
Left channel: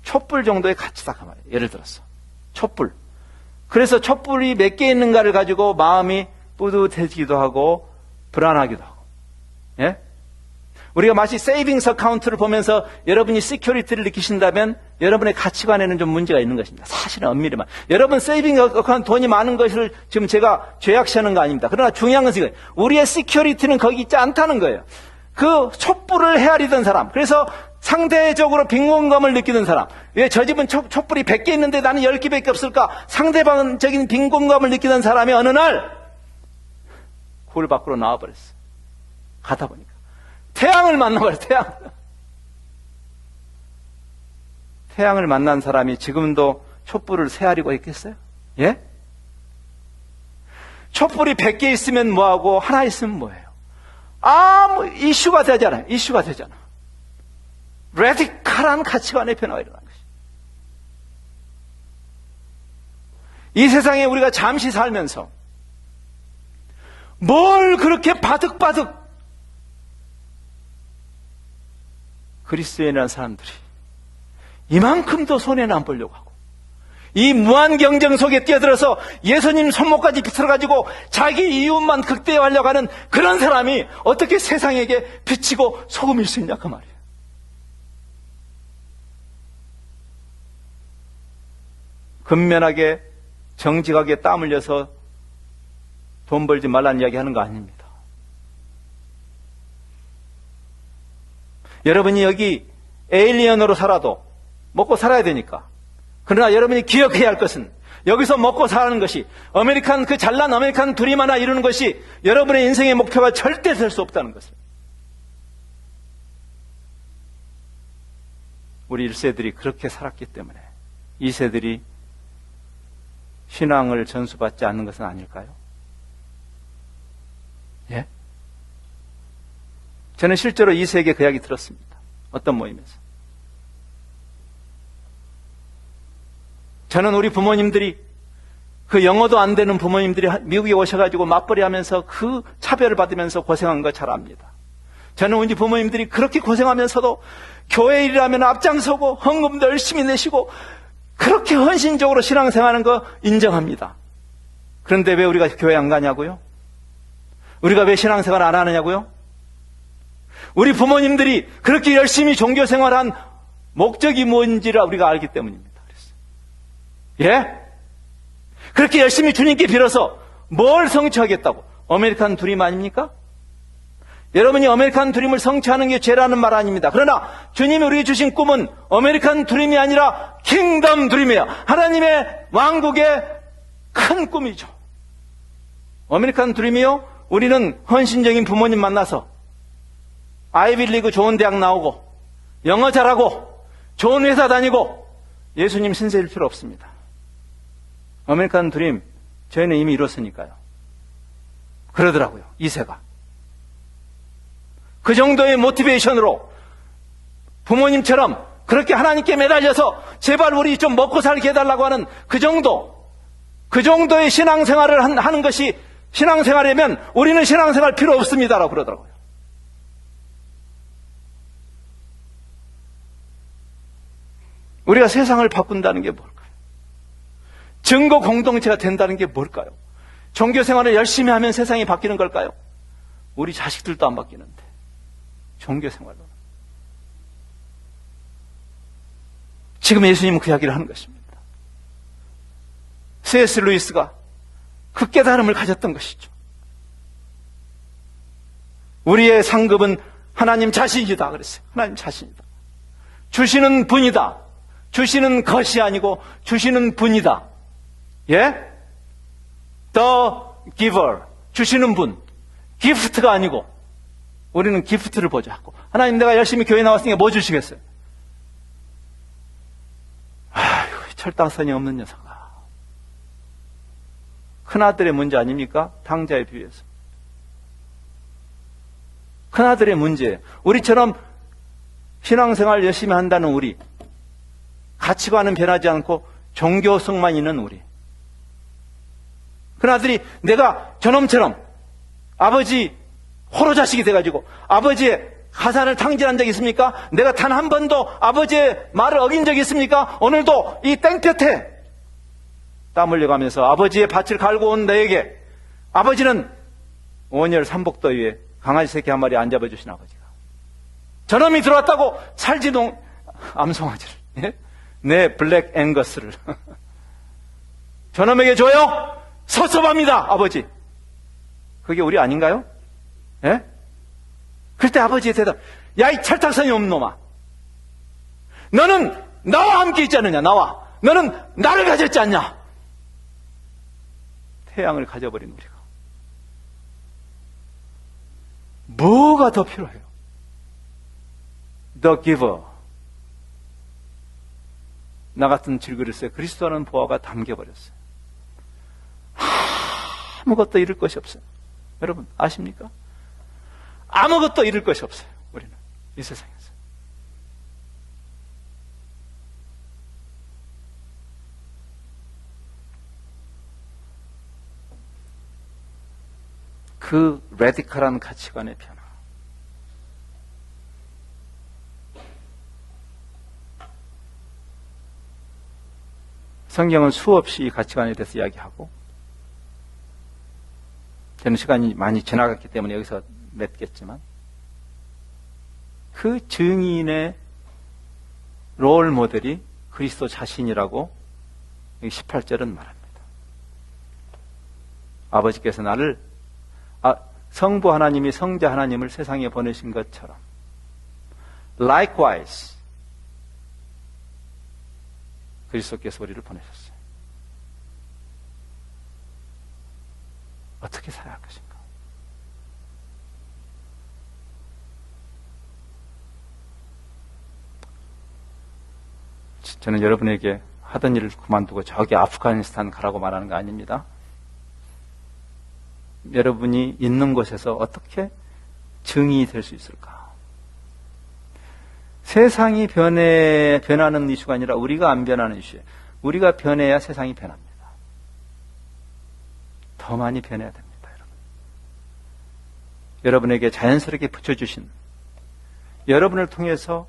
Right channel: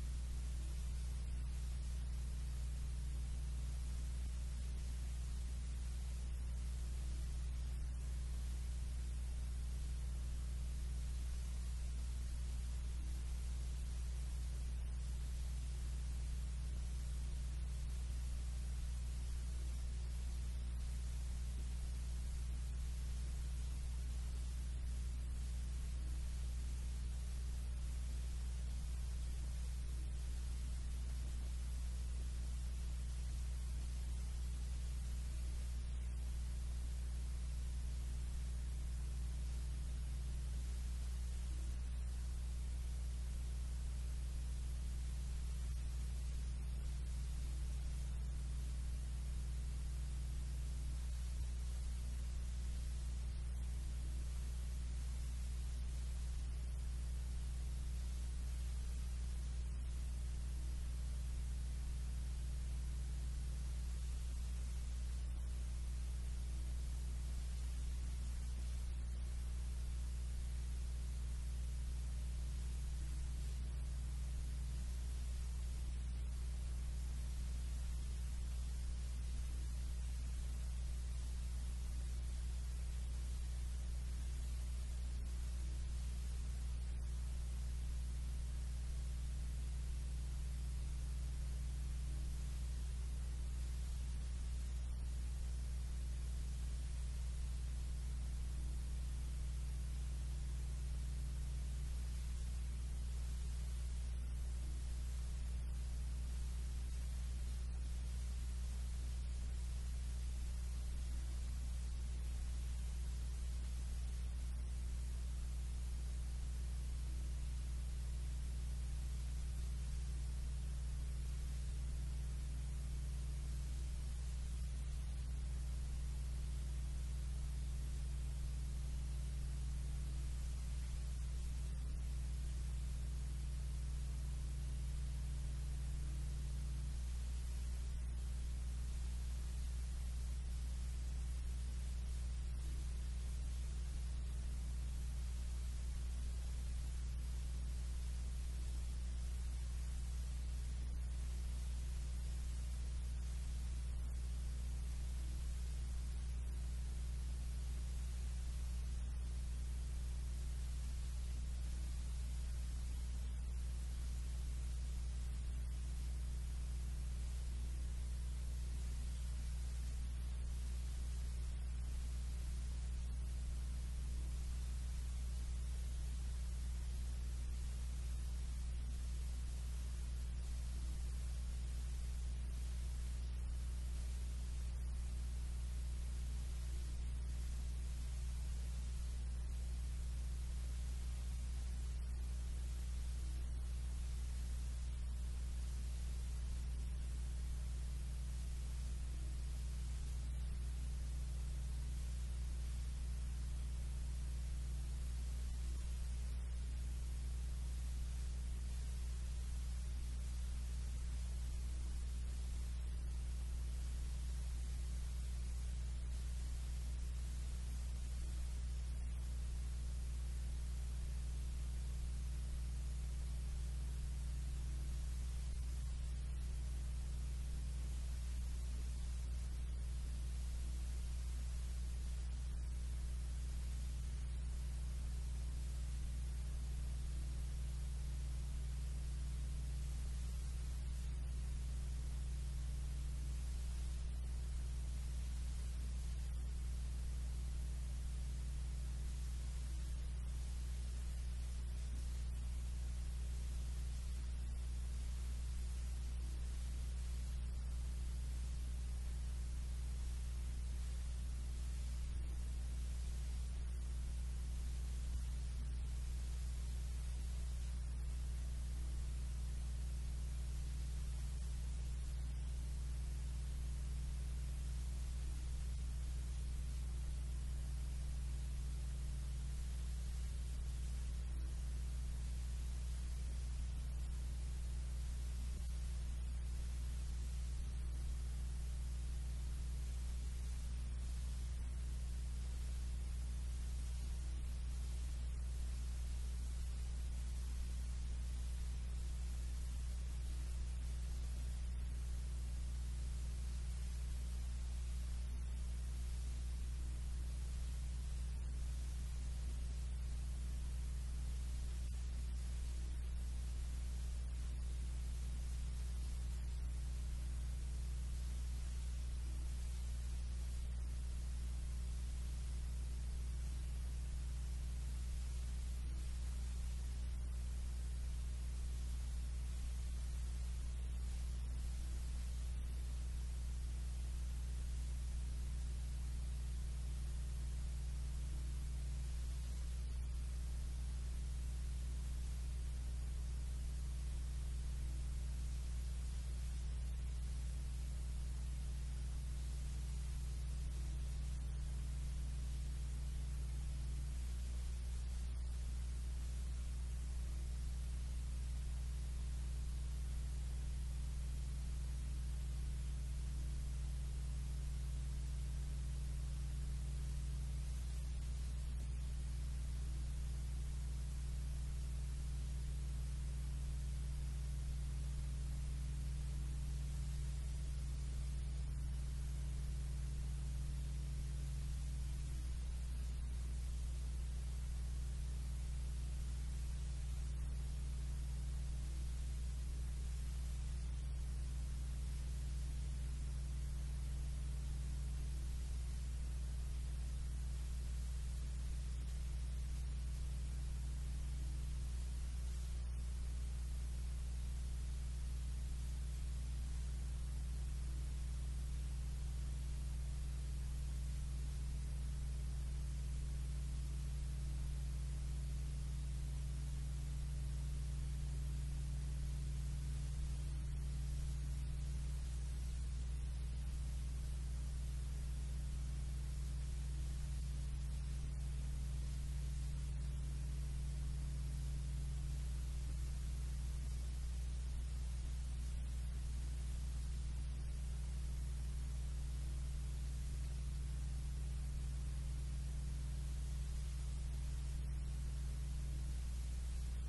촛불 정도의 가치다 그 말이에요. 예를 들어서 촛불. 그래서 촛불이 몇 개 있는가를 가지고 마음이 뿌듯해지기도 하고 불안하기도 하고. 예? 우리가 마치 세이빙스 어카운트를 보면서 여러분이 시큐리티를 느끼신다면 여러분의 가치관에는 좀 문제가 있는 것입니다. 사실은 엄밀히 말. 여러분 세이빙 어카운트 돈이 많은 것을 지금 제가 죄악시하는 거 아닙니다. 그러나 중요한 것은 이거예요. 우리의 시큐리티는 거기 있지 않다는 거예요. 그 촛불을 헤아리던 사람, 그래서 상대적으로 빈곤감을 느끼는 사람, 왜 저 집은 촛불이 100개 있는데 나는 10개밖에 없을까? 상대방적인 빈곤감을 느끼던 사람이 어느 날 굴 밖으로 나와버렸어. 가다 보니까 태양을 만나버려. 태양을 만난 사람이 지금도 촛불을 헤아리고 있겠어요? 예? 촛불이 100개 있으면 뭐하고 하나 있으면 뭐예요? 이슈가 되잖아요. 이슈가 되잖아. 레디컬한 가치관의 변화가 일어나는 것이죠. 이 세상에 우리가 잠시 살면서 뭘 그렇게 바득바득 그리스도인이라는 사람들이 이만큼도 손해는 안 보려고 하고 이 무한 경쟁 속에 뛰어들어서 예수님 손목까지 비틀어가지고 자기 이웃만 극대화하려고 하는 그런 사람이 어떻게 세상에게 비치고 소금일 수 있냐 그 말이에요. 근면하게 정직하게 땀 흘려서 돈 벌지 말라는 이야기 하는 거 아닙니다. 여러분이 여기 에일리언으로 살아도 먹고 살아야 되니까. 그러나 여러분이 기억해야 할 것은 여기서 먹고 사는 것이 그 잘난 아메리칸 드림 하나 이루는 것이 여러분의 인생의 목표가 절대 될 수 없다는 것을. 우리 1세들이 그렇게 살았기 때문에 2세들이 신앙을 전수받지 않는 것은 아닐까요? 예? 저는 실제로 2세에게 그 이야기 들었습니다. 어떤 모임에서. 저는 우리 부모님들이, 그 영어도 안 되는 부모님들이 미국에 오셔가지고 맞벌이 하면서 그 차별을 받으면서 고생한 거 잘 압니다. 저는 우리 부모님들이 그렇게 고생하면서도 교회 일이라면 앞장서고 헌금도 열심히 내시고 그렇게 헌신적으로 신앙생활하는 거 인정합니다. 그런데 왜 우리가 교회 안 가냐고요? 우리가 왜 신앙생활 안 하느냐고요? 우리 부모님들이 그렇게 열심히 종교생활한 목적이 뭔지를 우리가 알기 때문입니다. 예? 그렇게 열심히 주님께 빌어서 뭘 성취하겠다고? 아메리칸 드림 아닙니까? 여러분이 아메리칸 드림을 성취하는 게 죄라는 말 아닙니다. 그러나 주님이 우리에게 주신 꿈은 아메리칸 드림이 아니라 킹덤 드림이에요. 하나님의 왕국의 큰 꿈이죠. 아메리칸 드림이요? 우리는 헌신적인 부모님 만나서 아이비리그 좋은 대학 나오고 영어 잘하고 좋은 회사 다니고 예수님 신세일 필요 없습니다. 아메리칸 드림 저희는 이미 이뤘으니까요. 그러더라고요. 2세가. 그 정도의 모티베이션으로 부모님처럼 그렇게 하나님께 매달려서 제발 우리 좀 먹고 살게 해달라고 하는 그 정도의 신앙생활을 하는 것이 신앙생활이면 우리는 신앙생활 필요 없습니다라고 그러더라고요. 우리가 세상을 바꾼다는 게 뭘까요? 증거 공동체가 된다는 게 뭘까요? 종교생활을 열심히 하면 세상이 바뀌는 걸까요? 우리 자식들도 안 바뀌는데 종교생활로. 지금 예수님은 그 이야기를 하는 것입니다. C.S. 루이스가 그 깨달음을 가졌던 것이죠. 우리의 상급은 하나님 자신이다 그랬어요. 하나님 자신이다. 주시는 분이다. 주시는 것이 아니고 주시는 분이다. 예? The giver. 주시는 분. 기프트가 아니고 우리는 기프트를 보자고. 하나님 내가 열심히 교회 나왔으니까 뭐 주시겠어요? 아휴, 철당선이 없는 녀석아. 큰아들의 문제 아닙니까? 당자에 비해서. 큰아들의 문제예요. 우리처럼 신앙생활 열심히 한다는 우리, 가치관은 변하지 않고 종교성만 있는 우리. 큰아들이 내가 저놈처럼 아버지 호로 자식이 돼가지고 아버지의 가산을 탕진한 적이 있습니까? 내가 단 한 번도 아버지의 말을 어긴 적이 있습니까? 오늘도 이 땡볕에 땀 흘려가면서 아버지의 밭을 갈고 온 너에게 아버지는 온열 삼복더위에 강아지 새끼 한 마리 안 잡아주신 아버지가 저놈이 들어왔다고 살지도 암송아지를, 예? 내 블랙 앵거스를 저놈에게 줘요? 섭섭합니다 아버지. 그게 우리 아닌가요? 예? 그때 아버지의 대답, 야 이 철딱선이 없는 놈아, 너는 나와 함께 있지 않느냐. 나와, 너는 나를 가졌지 않냐. 태양을 가져버린 우리가 뭐가 더 필요해요? The giver. 나 같은 질그릇에 그리스도라는 보화가 담겨버렸어요. 아무것도 잃을 것이 없어요. 여러분 아십니까? 아무것도 잃을 것이 없어요. 우리는 이 세상에서. 그 레디컬한 가치관의 변화. 성경은 수없이 이 가치관에 대해서 이야기하고, 저는 시간이 많이 지나갔기 때문에 여기서 맺겠지만, 그 증인의 롤 모델이 그리스도 자신이라고 18절은 말합니다. 아버지께서 나를, 성부 하나님이 성자 하나님을 세상에 보내신 것처럼 likewise 그리스도께서 우리를 보내셨어요. 어떻게 살아야 할 것인가? 저는 여러분에게 하던 일을 그만두고 저기 아프가니스탄 가라고 말하는 거 아닙니다. 여러분이 있는 곳에서 어떻게 증인이 될 수 있을까? 세상이 변하는 이슈가 아니라 우리가 안 변하는 이슈예요. 우리가 변해야 세상이 변합니다. 더 많이 변해야 됩니다, 여러분. 여러분에게 자연스럽게 붙여주신, 여러분을 통해서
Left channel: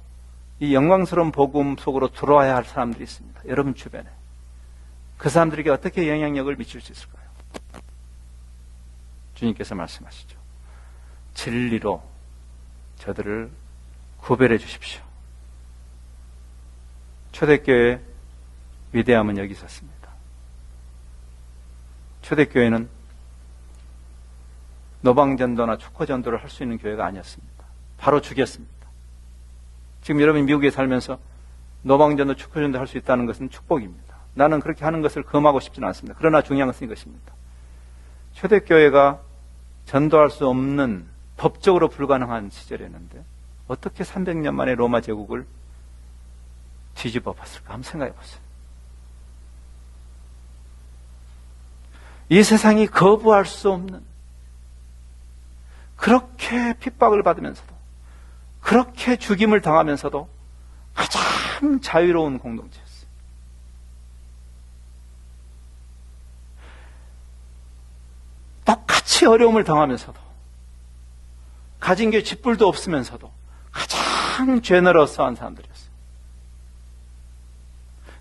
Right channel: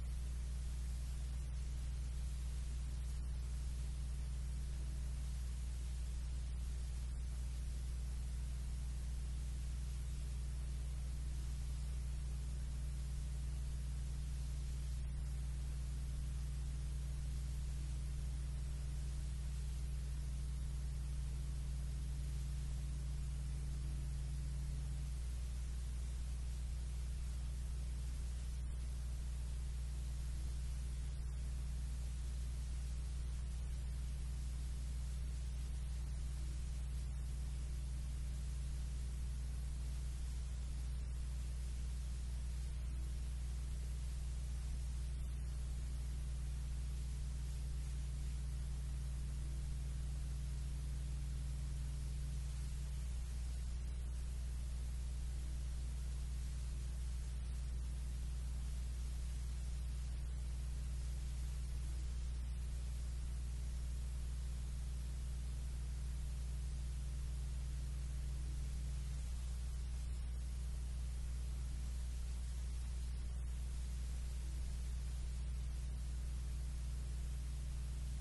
이 영광스러운 복음 속으로 들어와야 할 사람들이 있습니다. 여러분 주변에. 그 사람들에게 어떻게 영향력을 미칠 수 있을까요? 주님께서 말씀하시죠. 진리로 저들을 구별해 주십시오. 초대교회의 위대함은 여기 있었습니다. 초대교회는 노방전도나 축포전도를 할 수 있는 교회가 아니었습니다. 바로 죽였습니다. 지금 여러분이 미국에 살면서 노방전도 축포전도 할 수 있다는 것은 축복입니다. 나는 그렇게 하는 것을 금하고 싶지는 않습니다. 그러나 중요한 것은 이것입니다. 초대교회가 전도할 수 없는, 법적으로 불가능한 시절이었는데 어떻게 300년 만에 로마 제국을 뒤집어 봤을까? 한번 생각해 보세요. 이 세상이 거부할 수 없는, 그렇게 핍박을 받으면서도, 그렇게 죽임을 당하면서도 가장 자유로운 공동체였어요. 똑같이 어려움을 당하면서도, 가진 게 쥐뿔도 없으면서도 가장 제너러스한 사람들이었어요.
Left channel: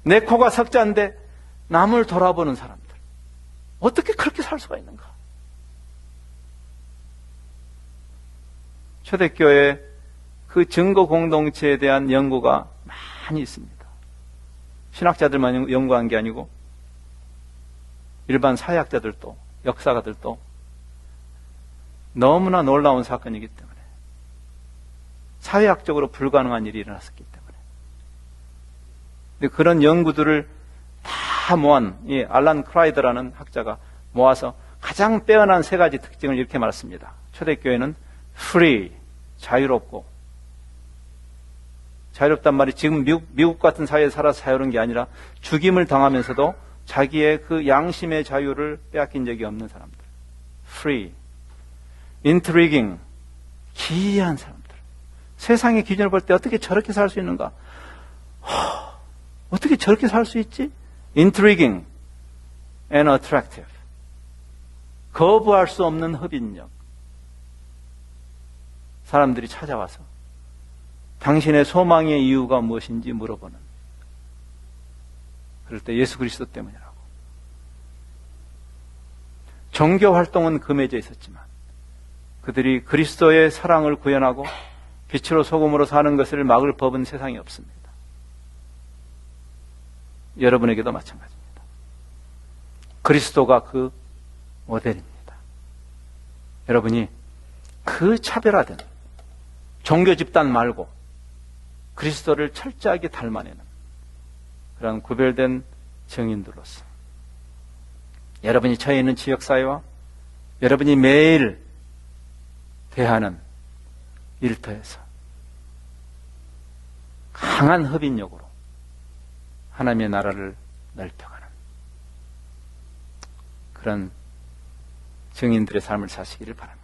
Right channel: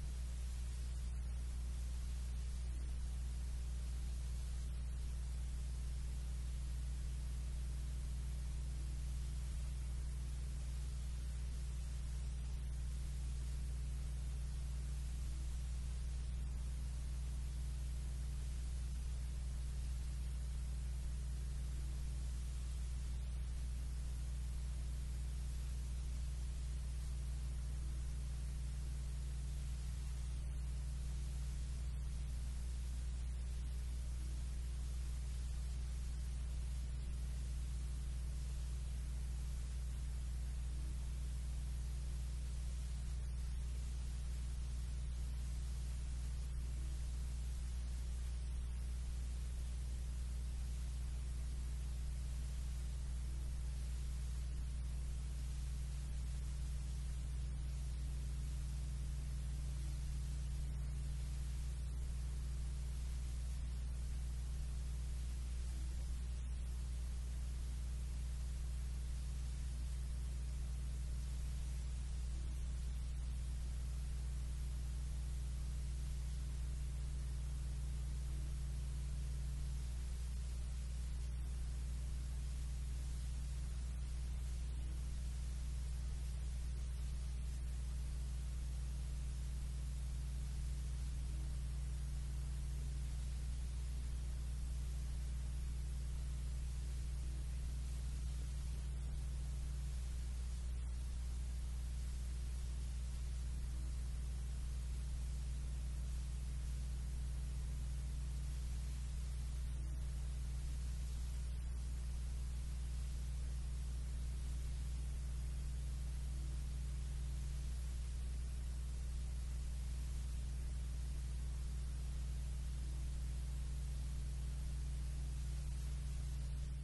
내 코가 석자인데 남을 돌아보는 사람들. 어떻게 그렇게 살 수가 있는가? 초대교회 그 증거 공동체에 대한 연구가 많이 있습니다. 신학자들만 연구한 게 아니고 일반 사회학자들도, 역사가들도 너무나 놀라운 사건이기 때문에, 사회학적으로 불가능한 일이 일어났었기 때문에. 근데 그런 연구들을 다 모은 이 알란 크라이더라는 학자가 모아서 가장 빼어난 세 가지 특징을 이렇게 말했습니다. 초대교회는 free, 자유롭고, 자유롭단 말이 지금 미국 같은 사회에 살아서 자유로운 게 아니라 죽임을 당하면서도 자기의 그 양심의 자유를 빼앗긴 적이 없는 사람들. free. intriguing. 기이한 사람들. 세상의 기준을 볼 때 어떻게 저렇게 살 수 있는가? 어떻게 저렇게 살 수 있지? intriguing and attractive. 거부할 수 없는 흡인력. 사람들이 찾아와서 당신의 소망의 이유가 무엇인지 물어보는. 그럴 때 예수 그리스도 때문이라고. 종교 활동은 금해져 있었지만 그들이 그리스도의 사랑을 구현하고 빛으로 소금으로 사는 것을 막을 법은 세상에 없습니다. 여러분에게도 마찬가지입니다. 그리스도가 그 모델입니다. 여러분이 그 차별화된 종교 집단 말고 그리스도를 철저하게 닮아내는 그런 구별된 증인들로서 여러분이 처해 있는 지역사회와 여러분이 매일 대하는 일터에서 강한 흡인력으로 하나님의 나라를 넓혀가는 그런 증인들의 삶을 사시기를 바랍니다.